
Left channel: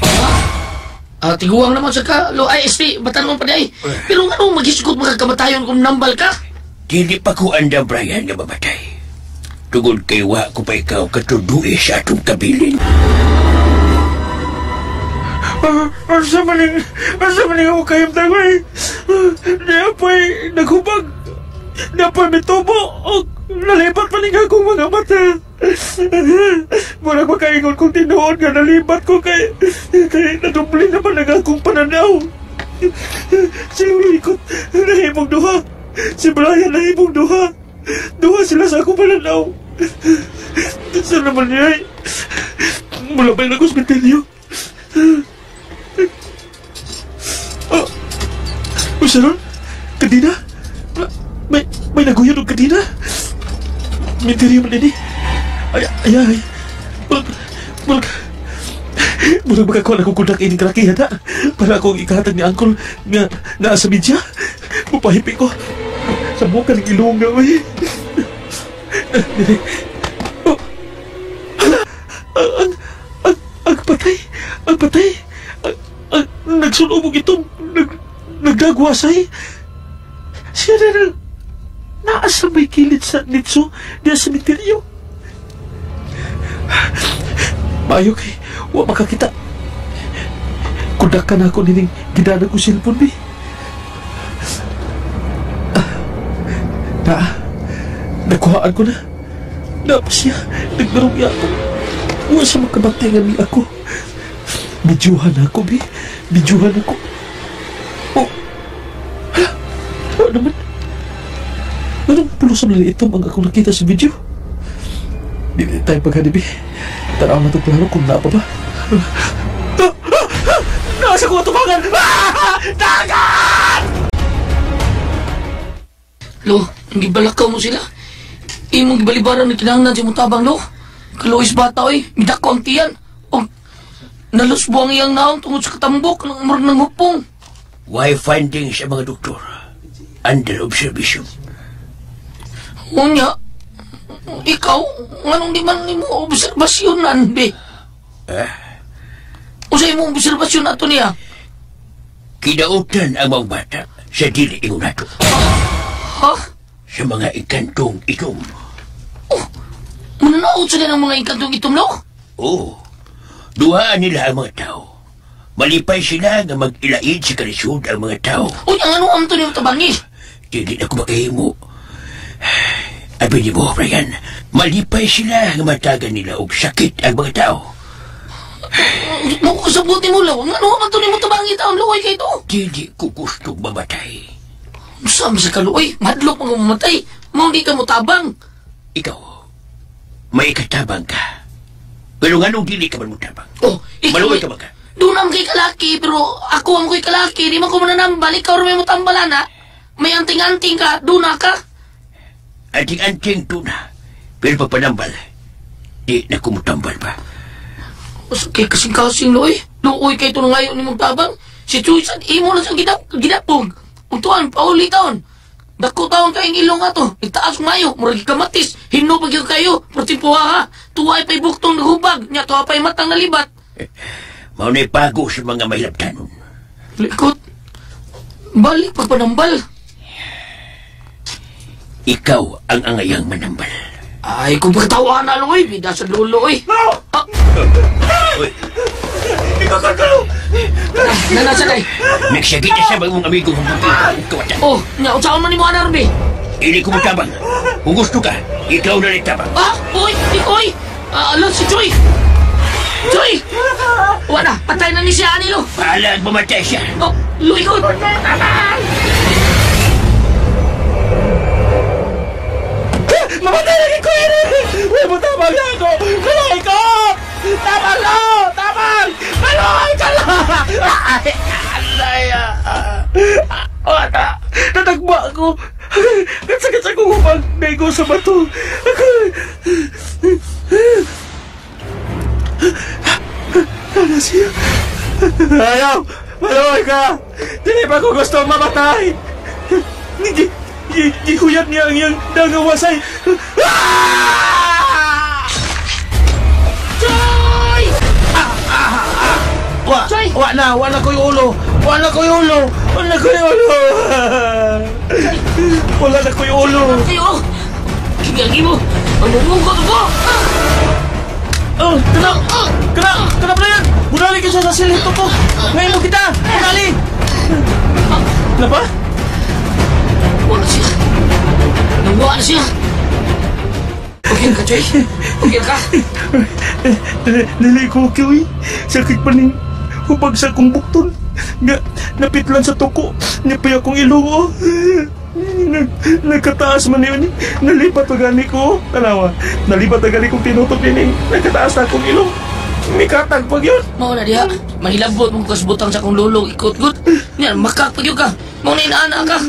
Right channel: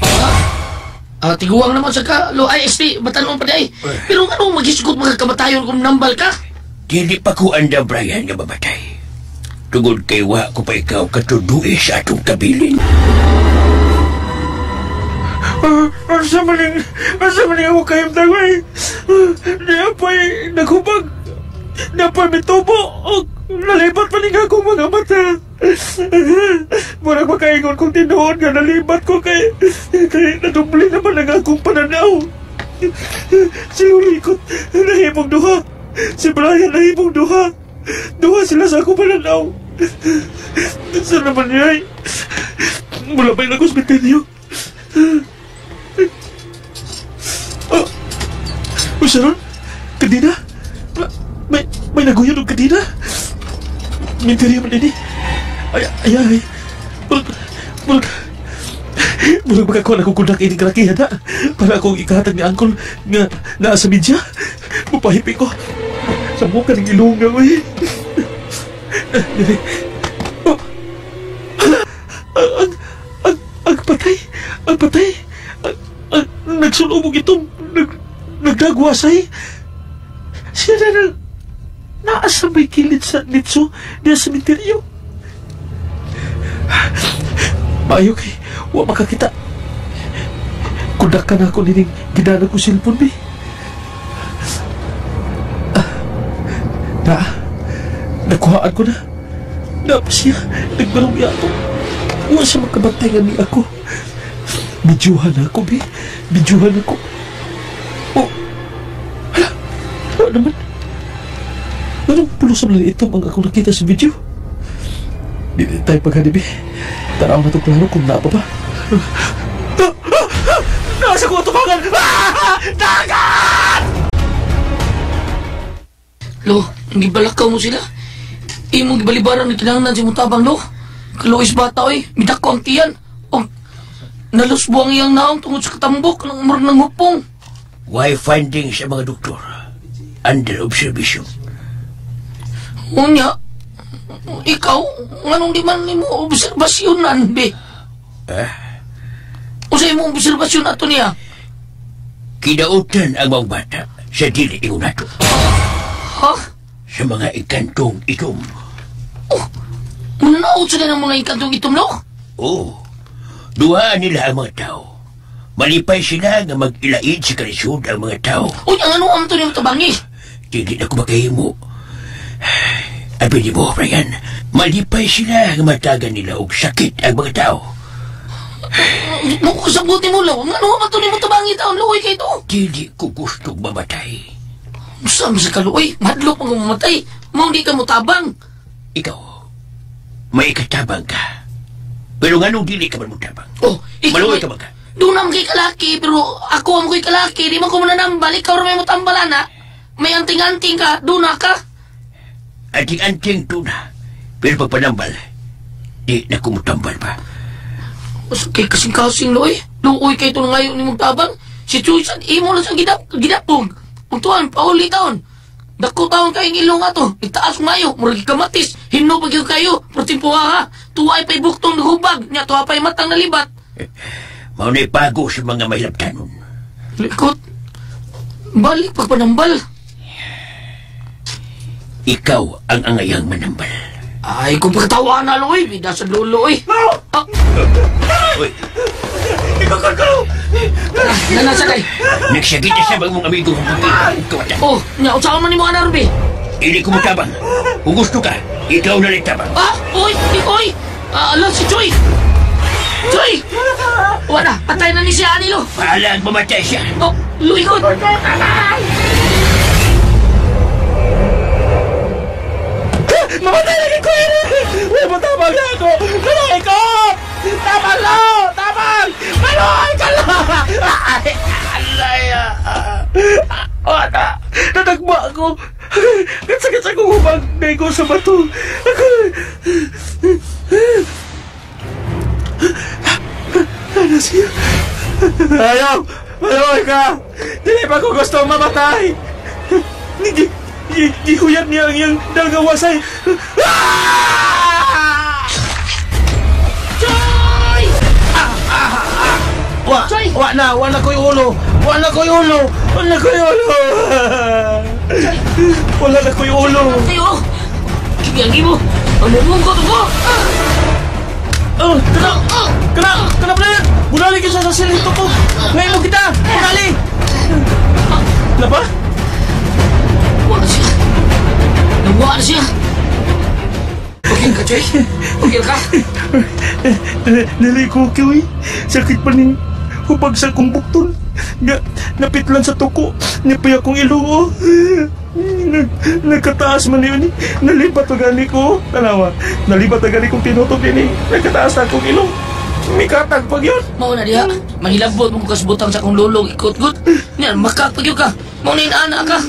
Tiguang naman sa ka, Lo, ISP, batanon pa di ay. Pero nga nung magisukot magkakamatayon kung nambal ka? Dili pa ko anda, Brian, nga mamatay. Tungod kay wa ko pa ikaw katuduwi sa atong kabilin. Asa maling ako kayong tagay. Napay naghubag. Napay mitubo. Nalibat pa ning akong mga mata. Murag makaingon kong tinuod nga nalibat ko kay nadubli naman ang akong pananaw. Si Ulikot nahimong duha. Si Brian nahimong duha. Duha sila sa akong pananaw. Saan naman niya? Mula ba yung nag-hospitalyo? Sharon? Kadina? May naguyan ng kadina? Minteriya man ini. Ay. Mulag magkakuha na kong kundak ini kalakihan na. Para akong ikahatag ni Uncle nga sa media. Mupahipi ko. Sa mukha ng ilunga, uy. Ang patay. Nagsulubog itong nagdagwasay. Siya na naasa may kilid sa nitso niya sa misteryo. Maayo kay wa makakita. Kundak ka na ako nining ginana ko silpon, Nakuhaan ko na. Dapat siya. Nagbarugya ako. Huwag siya makabantayan ni ako. Bidyuhan ako, be. Bidyuhan ako. Oh. Hala. Ano naman? Anong pulos na ito ang ako nakita sa video? Hindi tayo paghanibi. Taraw na itong klaro kung napa ba. Nasa ko tumangan! Dagat! Lo, hindi balakaw mo sila. Imong gibalibaran na kinahanglan si Mutabang, lo. Kalois bata, oy. Midako ang tiyan. O, nalusbo ang iyang naong tungod sa katambok ng umar ng hupong. Why finding sa mga doktor? Under observation. Unya, ikaw, nganong di man mo obserbasyonan, be? Usay mo obserbasyon ato niya? Kinautan ang mga bata sa dili ingon nato. Ha? Sa mga ikantong itom. Oh, mananaot sila ng mga ikantong itom, no? Oo. Duhaan nila ang mga tao. Malipay sila nga mag-ilaid sa kalisod ang mga tao. Unya, ano ang ito niyo tabangi? Dili na ko makahimo. Abi ni mo, Brian, malipay sila nga matagan nila og sakit ang mga tao. Sabuti mo, lo. Ano ang ito niyo tabangi taon, lo? Kay ito? Dili ko gustong mamatay. Saan sa kaluoy? Madlok mo mamatay. Mau di ka mo tabang. Ikaw, may ikatabang ka. Pero nga nung dili ka man mo tabang. Oh, ikaw. Maluoy ka ba ka? Doon naman kay kalaki, pero ako ang kay kalaki. Di man ko mananambal. Ikaw rin may mo tambalan, ha? May anting-anting ka. Doon na ka. Anting-anting doon na. Pero pagpanambal, di na kumutambal pa. Kay kasing-kasing, loy. Luoy kay ito ngayon ni mong tabang. Si Chuisan, imo lang siyang gidapog. Untuan, pauli taon. Dako taon kayong ilong ato. Itaas mayo, murag kamatis. Hino pag yung kayo. Pertimpuha ha. Tuway pa'y buktong nahubag. Nya tuwa pa'y matang nalibat. Maunay pago sa mga mahilaptanon. Likot. Balik pagpanambal. Ikaw ang angayang manambal. Ay, kung pagkatawa na, loy. Bida sa lulo, oy. No! Ah. Uy, Ikaw ka! Nanasa kay. nagsagit na siya mga amigo kong pagkakawatan. Oh, nya, usahan man ni mga narbi. Hindi ko matabang. Kung gusto ka, ikaw na rin tabang. Ah, oy, oy. Alam si Choy. Choy! Wala, patay na ni siya, Anilo. Pahalang mamatay siya. Oh, luikot. Mamatay lagi ko yan! Uy, matabang na ako! Kaloy ko! Tabang lo! Tabang! Kaloy ka lo! Ay! Alay! Wala! Natagba ako! Sakit sa kong humag na ko sa bato! Ano siya? Ayaw! Kaloy ka! Dili pa ko gusto mamatay! Gihuyat niya ang iyang dangawasay. Choy! Wala ko yung ulo. Wala ko yung ulo. Wala na ko yung ulo. Kayo! Kigagi mo! Ang mumungkot mo! Kenapa na yan? Bunali kita sa silito ko. Ngayon mo kita. Bunali. Kenapa? Wala siya. Nawa na siya. Okay ka, Choy? Okay ka? Nalay ko, Kiwi. Sakit pa ning hubag sa kong bukton. Napitlan sa tuko. Nipay akong ilo. Nagkataas man yun. Nalipat na gani ko. Tanawa, nalipat na gani kong tinutok din. Nagkataas na akong ilo. May katag pag yun. Mau na diha. Mahilabot mong kasbutang sa akong lulong. Ikot-gut. Yan, makakpag yun ka. Mau na inaana ka.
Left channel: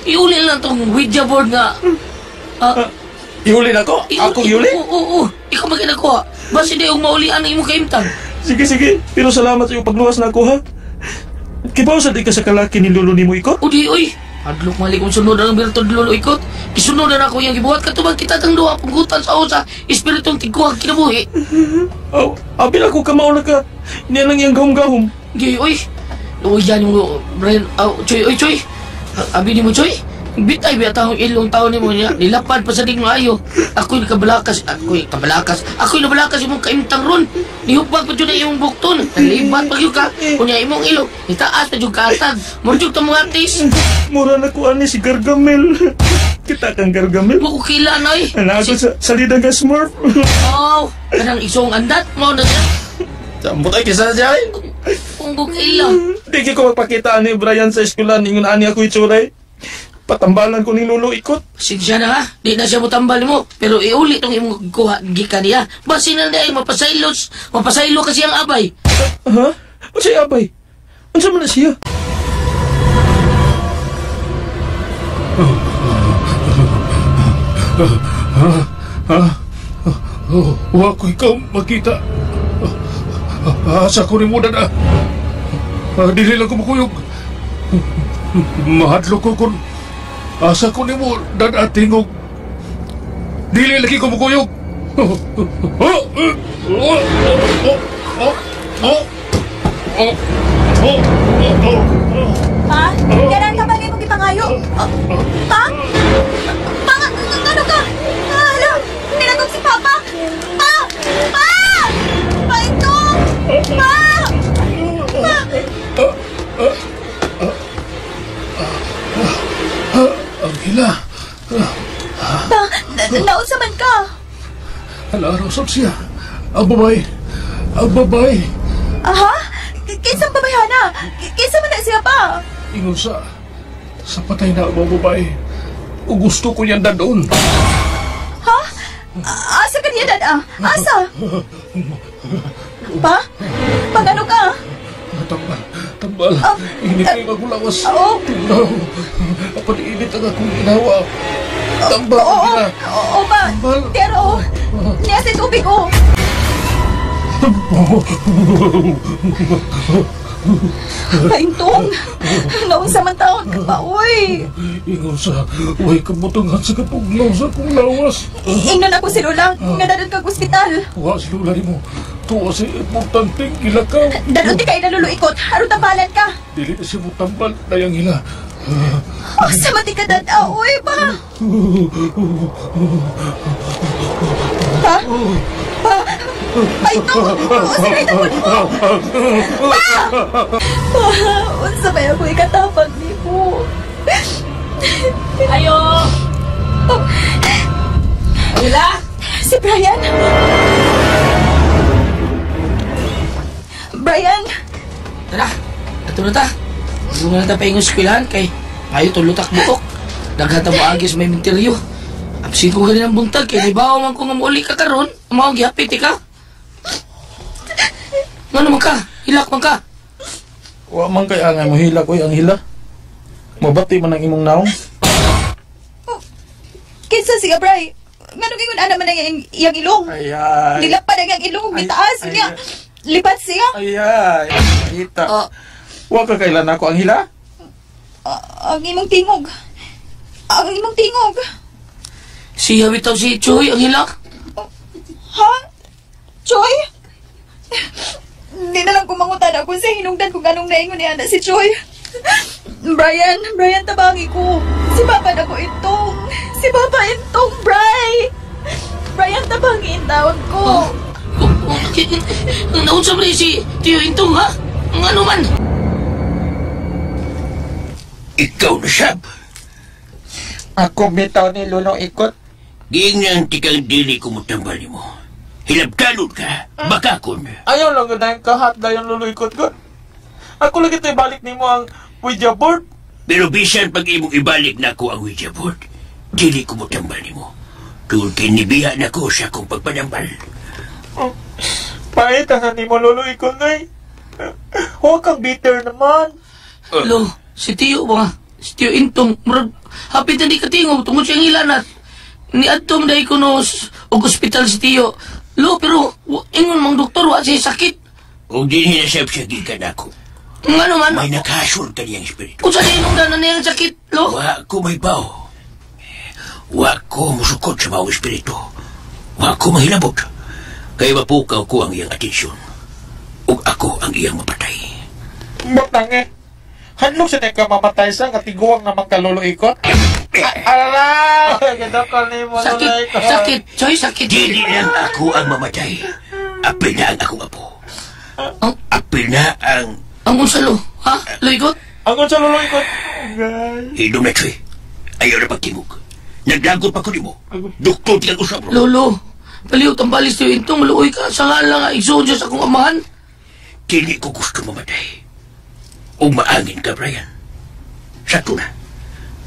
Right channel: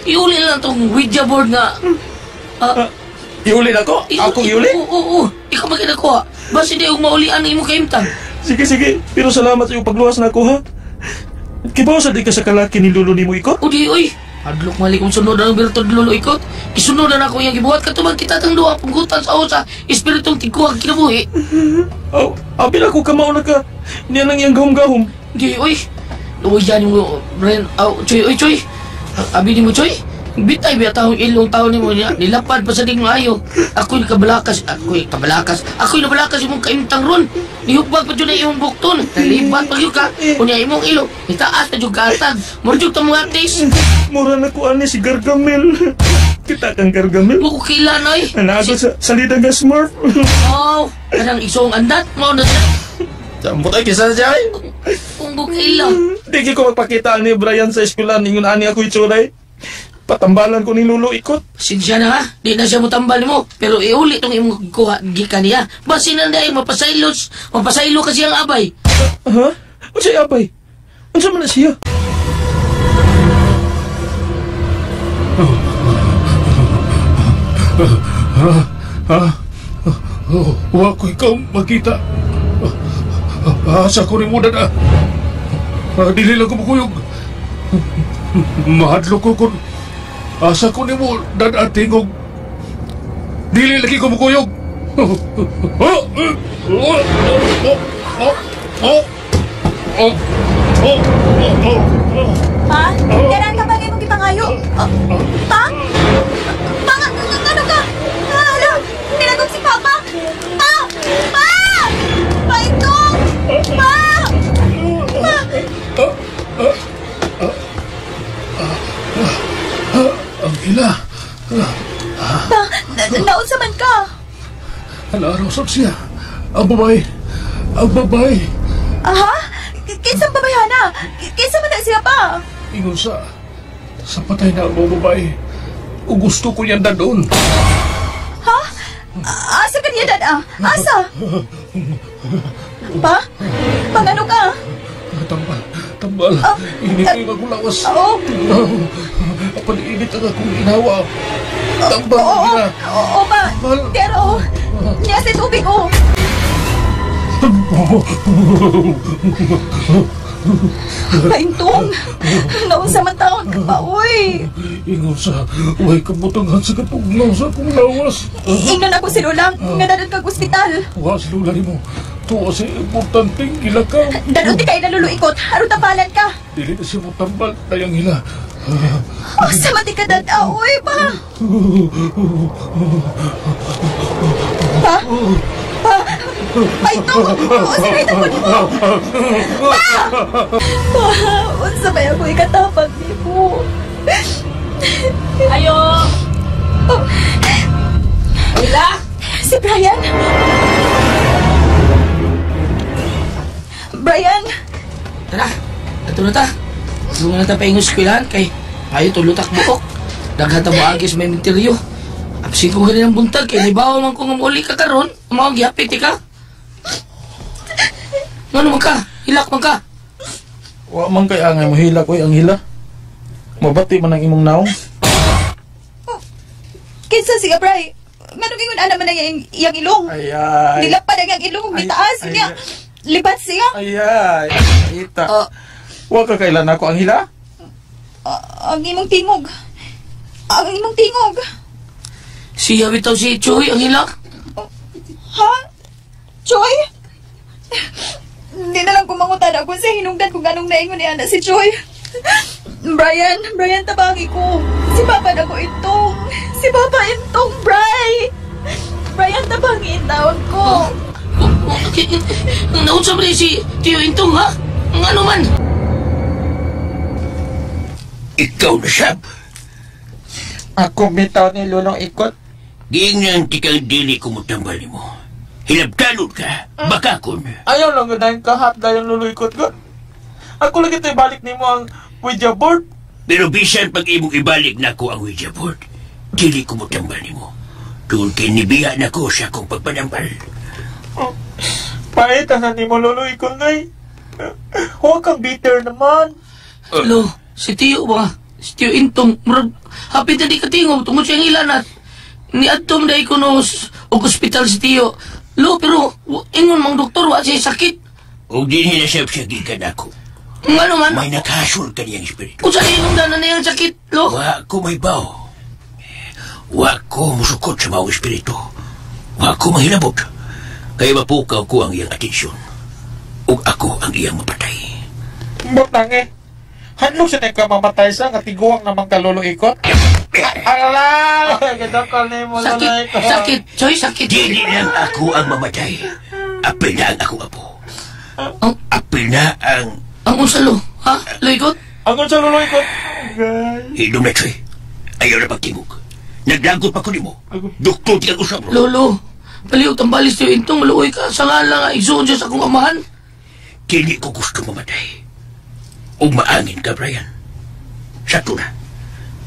Iuli lang itong Ouija board nga. Iulin ako? Ako iulin? Oo. Ikaw magkinakuha. Basta hindi yung maulian na imong kaimtang. Sige. Pero salamat sa iyong pagluwas na ako, ha? Kibaw sa di ka sa kalaki ni Lolo ni mo ikot? Udi, oy. Adlok mali kong sunod ang birtod Lolo ikot. Isunod na ako yung gibuhat. Katubag kita tang duha punggutan sa osa. Espiritong tigkuhag kinabuhi. Apil ako kamao na ka. Niya lang yung gahom-gahom. Di, oy. Uy, yan yung Brian. Choy. Abi ni mo, Choy. Bitay biya taong ilong taon ni mo niya. Nilapad pa sa ding maayo. Ako'y nabalakas imong kaimtang ron. Nihupag pa dyan na imong bukton. Nalibat pa yun ka. Kunya imong ilong. Itaas pa dyan katag. Murjog ta mga artis. Mura na ko ani si Gargamel. Kita kang Gargamel. Makukilan ay. Anak ako sa salida nga Smurf. Oh, kanang isong andat mo na Sambot ay kisa na siya ay. kung bukilan. Di ko magpakita ni Brian sa eskwela ningon ani ako itsuray. Patambalan ko ni Lolo Ikot. Sinsya na ha, di na siya mutambal mo. Pero iuli itong imong kuha gikan niya. Basin na dahil mapasaylo kasi ang abay. Ha? Ano siya abay? Ano man na siya? Wa ko ikaw makita. Asa ko ni mo na. Dili lang ko makuyog. Mahadlo ko kung asa ko ni mo tingog. Dili lagi ko makuyog. Pa, kailan ka ba kayo magipangayo? Pa? Pa, ano ka? Hala, nilagog si Papa! Pa! Pa! Pa, ito! Pa! Ang hila. Pa, naunsa man ka? Alaraw siya. Ang babay. Ang babay. Aha? Kinsang babayana? Kinsa man na siya pa? Ingon sa patay na ang mga babae. O gusto ko yan na doon. Ha? Asa ka niya, Dad? Asa? Pa? Pangano ka? Tambal. Init yung magulawas. Oo. Pag-init ang akong ginawa. Tambal. Oo pa. Pero, niya sa tubig ko. Paintong, naunsa man taon ka pa, uy. Ingon sa, huwag kabutungan sa kapugnaw sa akong lawas. Ingnan ako si Lola, nga dadod kag ospital. Huwag si Lola ni mo. Tuwa si importanteng kilakaw. Dadod di kayo naluluikot, harong tambalan ka. Dili na siya mo tambal, dayang hila. Sa mati ka, Dad, uy, pa. Pa? Pa? Paintong, sirita mo mo. Pa! Pa, unsa ba ako ikatapag ni mo? Ayo! Wala? Si Brian? Brian? Tara, ato na ta. Tulungan na ta pa yung eskwelahan kay ayaw tulutak buok. Daghata mo agis may menteryo. Absin ko ganyan ang buntag kay libaw man ko nga muli ka karon. Mga gihapit ka. Ano man ka? Hilak man ka? Wa man kay angay mo hila ko ang hila. Mabati man ang imong naong. Kinsa siya, Bri? Ngano gingon ana man ang iyang ilong? Ayay. Nilapad ang iyang ilong, mitaas niya. Lipat siya. Ayay. Ita. Wa ka kailan ako ang hila? Ang imong tingog. Ang imong tingog. Siya bitaw si Choy ang hilak. Ha? Choy? Hindi na lang kumangutan ako sa hinungdan kung anong naingon ni Ana si Choy. Brian, tabangi ko. Si Papa na ko itong. Si Papa itong, Brian, tabangi itawag ko. Naunsa ba si Tio Intong ha? Ang ano man? Ikaw na siya. Ako bitaw ni Lolo Ikot. Giingnan tikang dili ko mo tambal mo. Hilabtalod ka. Bakakon. Ayaw lang na yung kahat na yung Lolo Ikot ko. Ako lagi tayo balik ni mo ang Ouija board. Pero bisan pag imong ibalik na ko ang Ouija board, dili ko mo tambal mo. Tungkol kinibiya na ko sa akong pagpanambal. Paita na ni mo Lolo Ikot na huwag kang bitter naman. Lo, si Tio ba? Si Tio Intong, murag, hapit na di katingog, tungkol siyang ilanat. Ni Adtom na ikonos, og ospital si Tio. Lo, pero, ingon mang doktor, wa siya sakit. O di niya siya gikan ako. Ano man? May nakasur ka niyang espiritu. Kung saan inungdan na niyang sakit, lo? Wa ko may baw. Wa ko musukot sa mga espiritu. Wa ko mahilabot. Kaya mapukaw ko ang iyang atensyon. Ug ako ang iyang mapatay. Butang handlo siya ka mamatay sa katiguang naman ka Lolo Ikot. Alala! Gito ko ni mo Lolo Ikot. Sakit, Choy, sakit. Dili lang ako ang mamatay. Apil na ang akong apo. Apil na ang... Ang unsalo, ha? Lo Ikot? Ang sa Lolo Ikot. Hidom na, Choy. Ayaw na pagtingog. Nagdagot pa ko di mo. Doktor di kang usap, bro. Lolo, paliw tambalis tayo intong maluoy ka sa nga lang igsoon siya sa akong amahan. Dili ko gusto mamatay. O maangin ka, Brian. Sa tuna,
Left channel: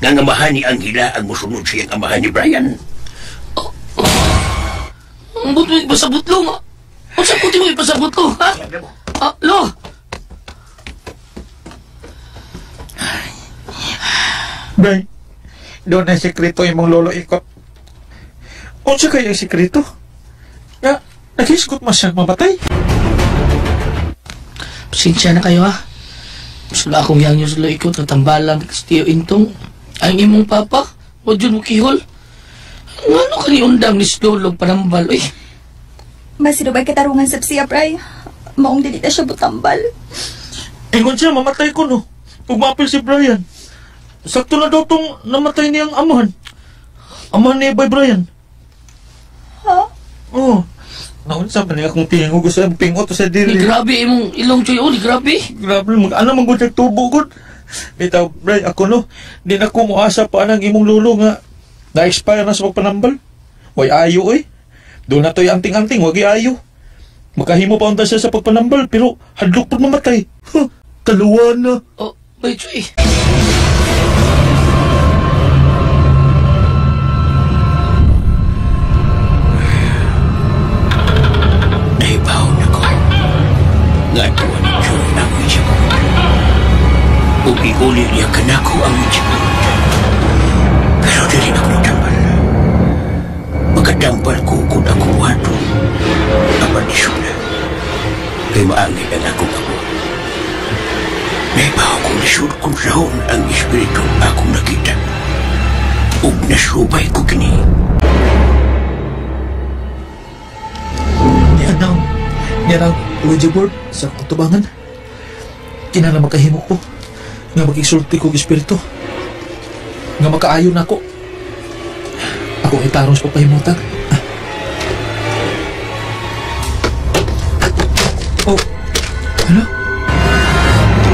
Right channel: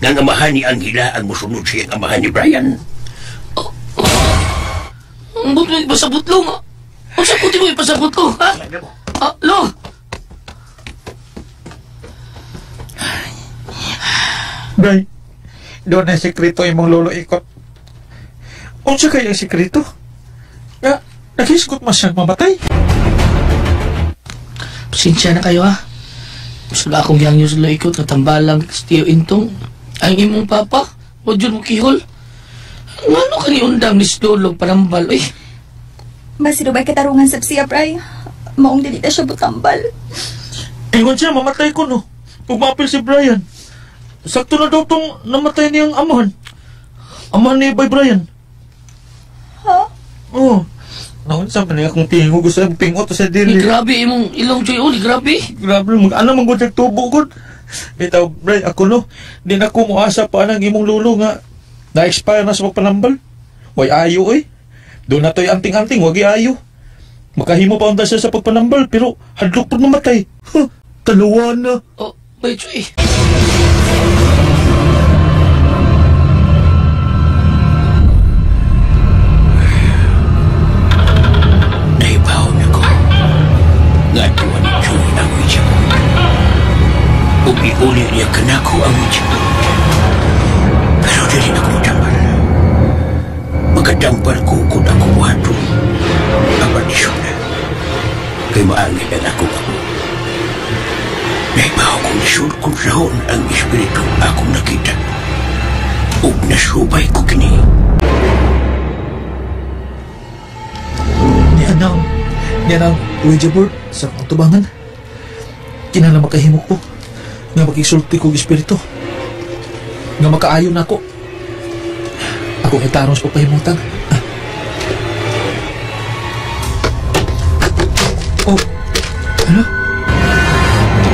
nga amahan ni Angela ang musunod siyang amahan ni Brian. Ang buto mo ipasabot lo nga. Ang sabuti mo ipasabot lo, ha? Lo! Bray, doon na sekreto imong lolo ikot. Unsa kaya ang sekreto? Ya, nakiskot mas siyang mamatay. Pasensya na kayo, ha? Sula akong yang nyo sa ikot na tambalang Tiyo Intong. Ang imong papa, o dyan mo kihol. Ano ka ni undang ni Slolog panambal, eh? Masinubay katarungan sa siya, Bray. Maong dili na siya butambal. Ingon siya, mamatay ko, no? Kung mapil si Brian. Sakto na daw tong namatay niyang amahan. Amahan ni Bay Brian. Ha? Oo. Naunsa pa niya kung tingin ko gusto ang pingot sa Ni dili. grabe imong ilong choy, ni grabe. Grabe, ano mong tubo ko. Bitaw, Bray, ako no. Di na ko muasa pa ang imong lulo nga. Na-expire na sa pagpanambal. Way ayo eh. Doon na to'y anting-anting, wag ayo. Makahimo pa unta siya sa pagpanambal, pero hadlok pa mamatay. Huh, kaluwa na. Oh, bay choy. Naibaw na ko. Nga tuwa ni Joy ang witch ko. Upi-uli niya kanako ang witch ko. Pero dili na ko matambal. Magkadampal ko kung ako buhato. Ang pardisyon na. Kay maangin ang ako ako. Naibaw ko lisod kung sahon ang espiritu akong nakita. Ug nasubay ko kini. Yan ang Ouija board sa kutubangan. Kinala makahimo ko nga mag-isulti kong espiritu. Nga makaayon ako. Akong itarong sa papahimutan. Oh, ano?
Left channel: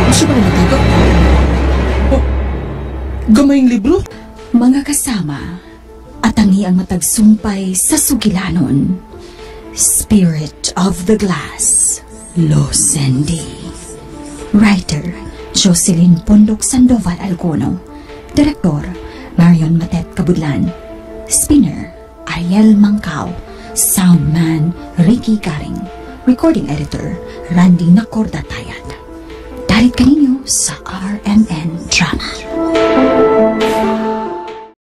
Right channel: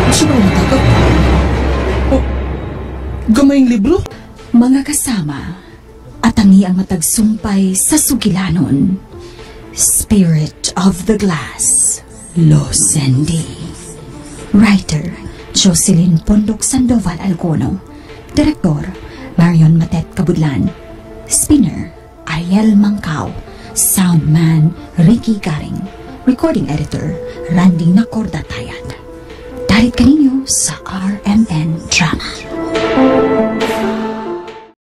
Masa na matagaw? Oh, gamayng libro? Mga kasama, atangi ang matagsumpay sa sugilanon. Spirit of the Glass, Losendi. Writer, Jocelyn Pondok Sandoval Alcono. Direktor, Marion Matet Kabudlan. Spinner, Ariel Mangkao. Soundman, Ricky Garing. Recording Editor, Randy Nacordatayad. Dalit kaninyo sa RMN Drama.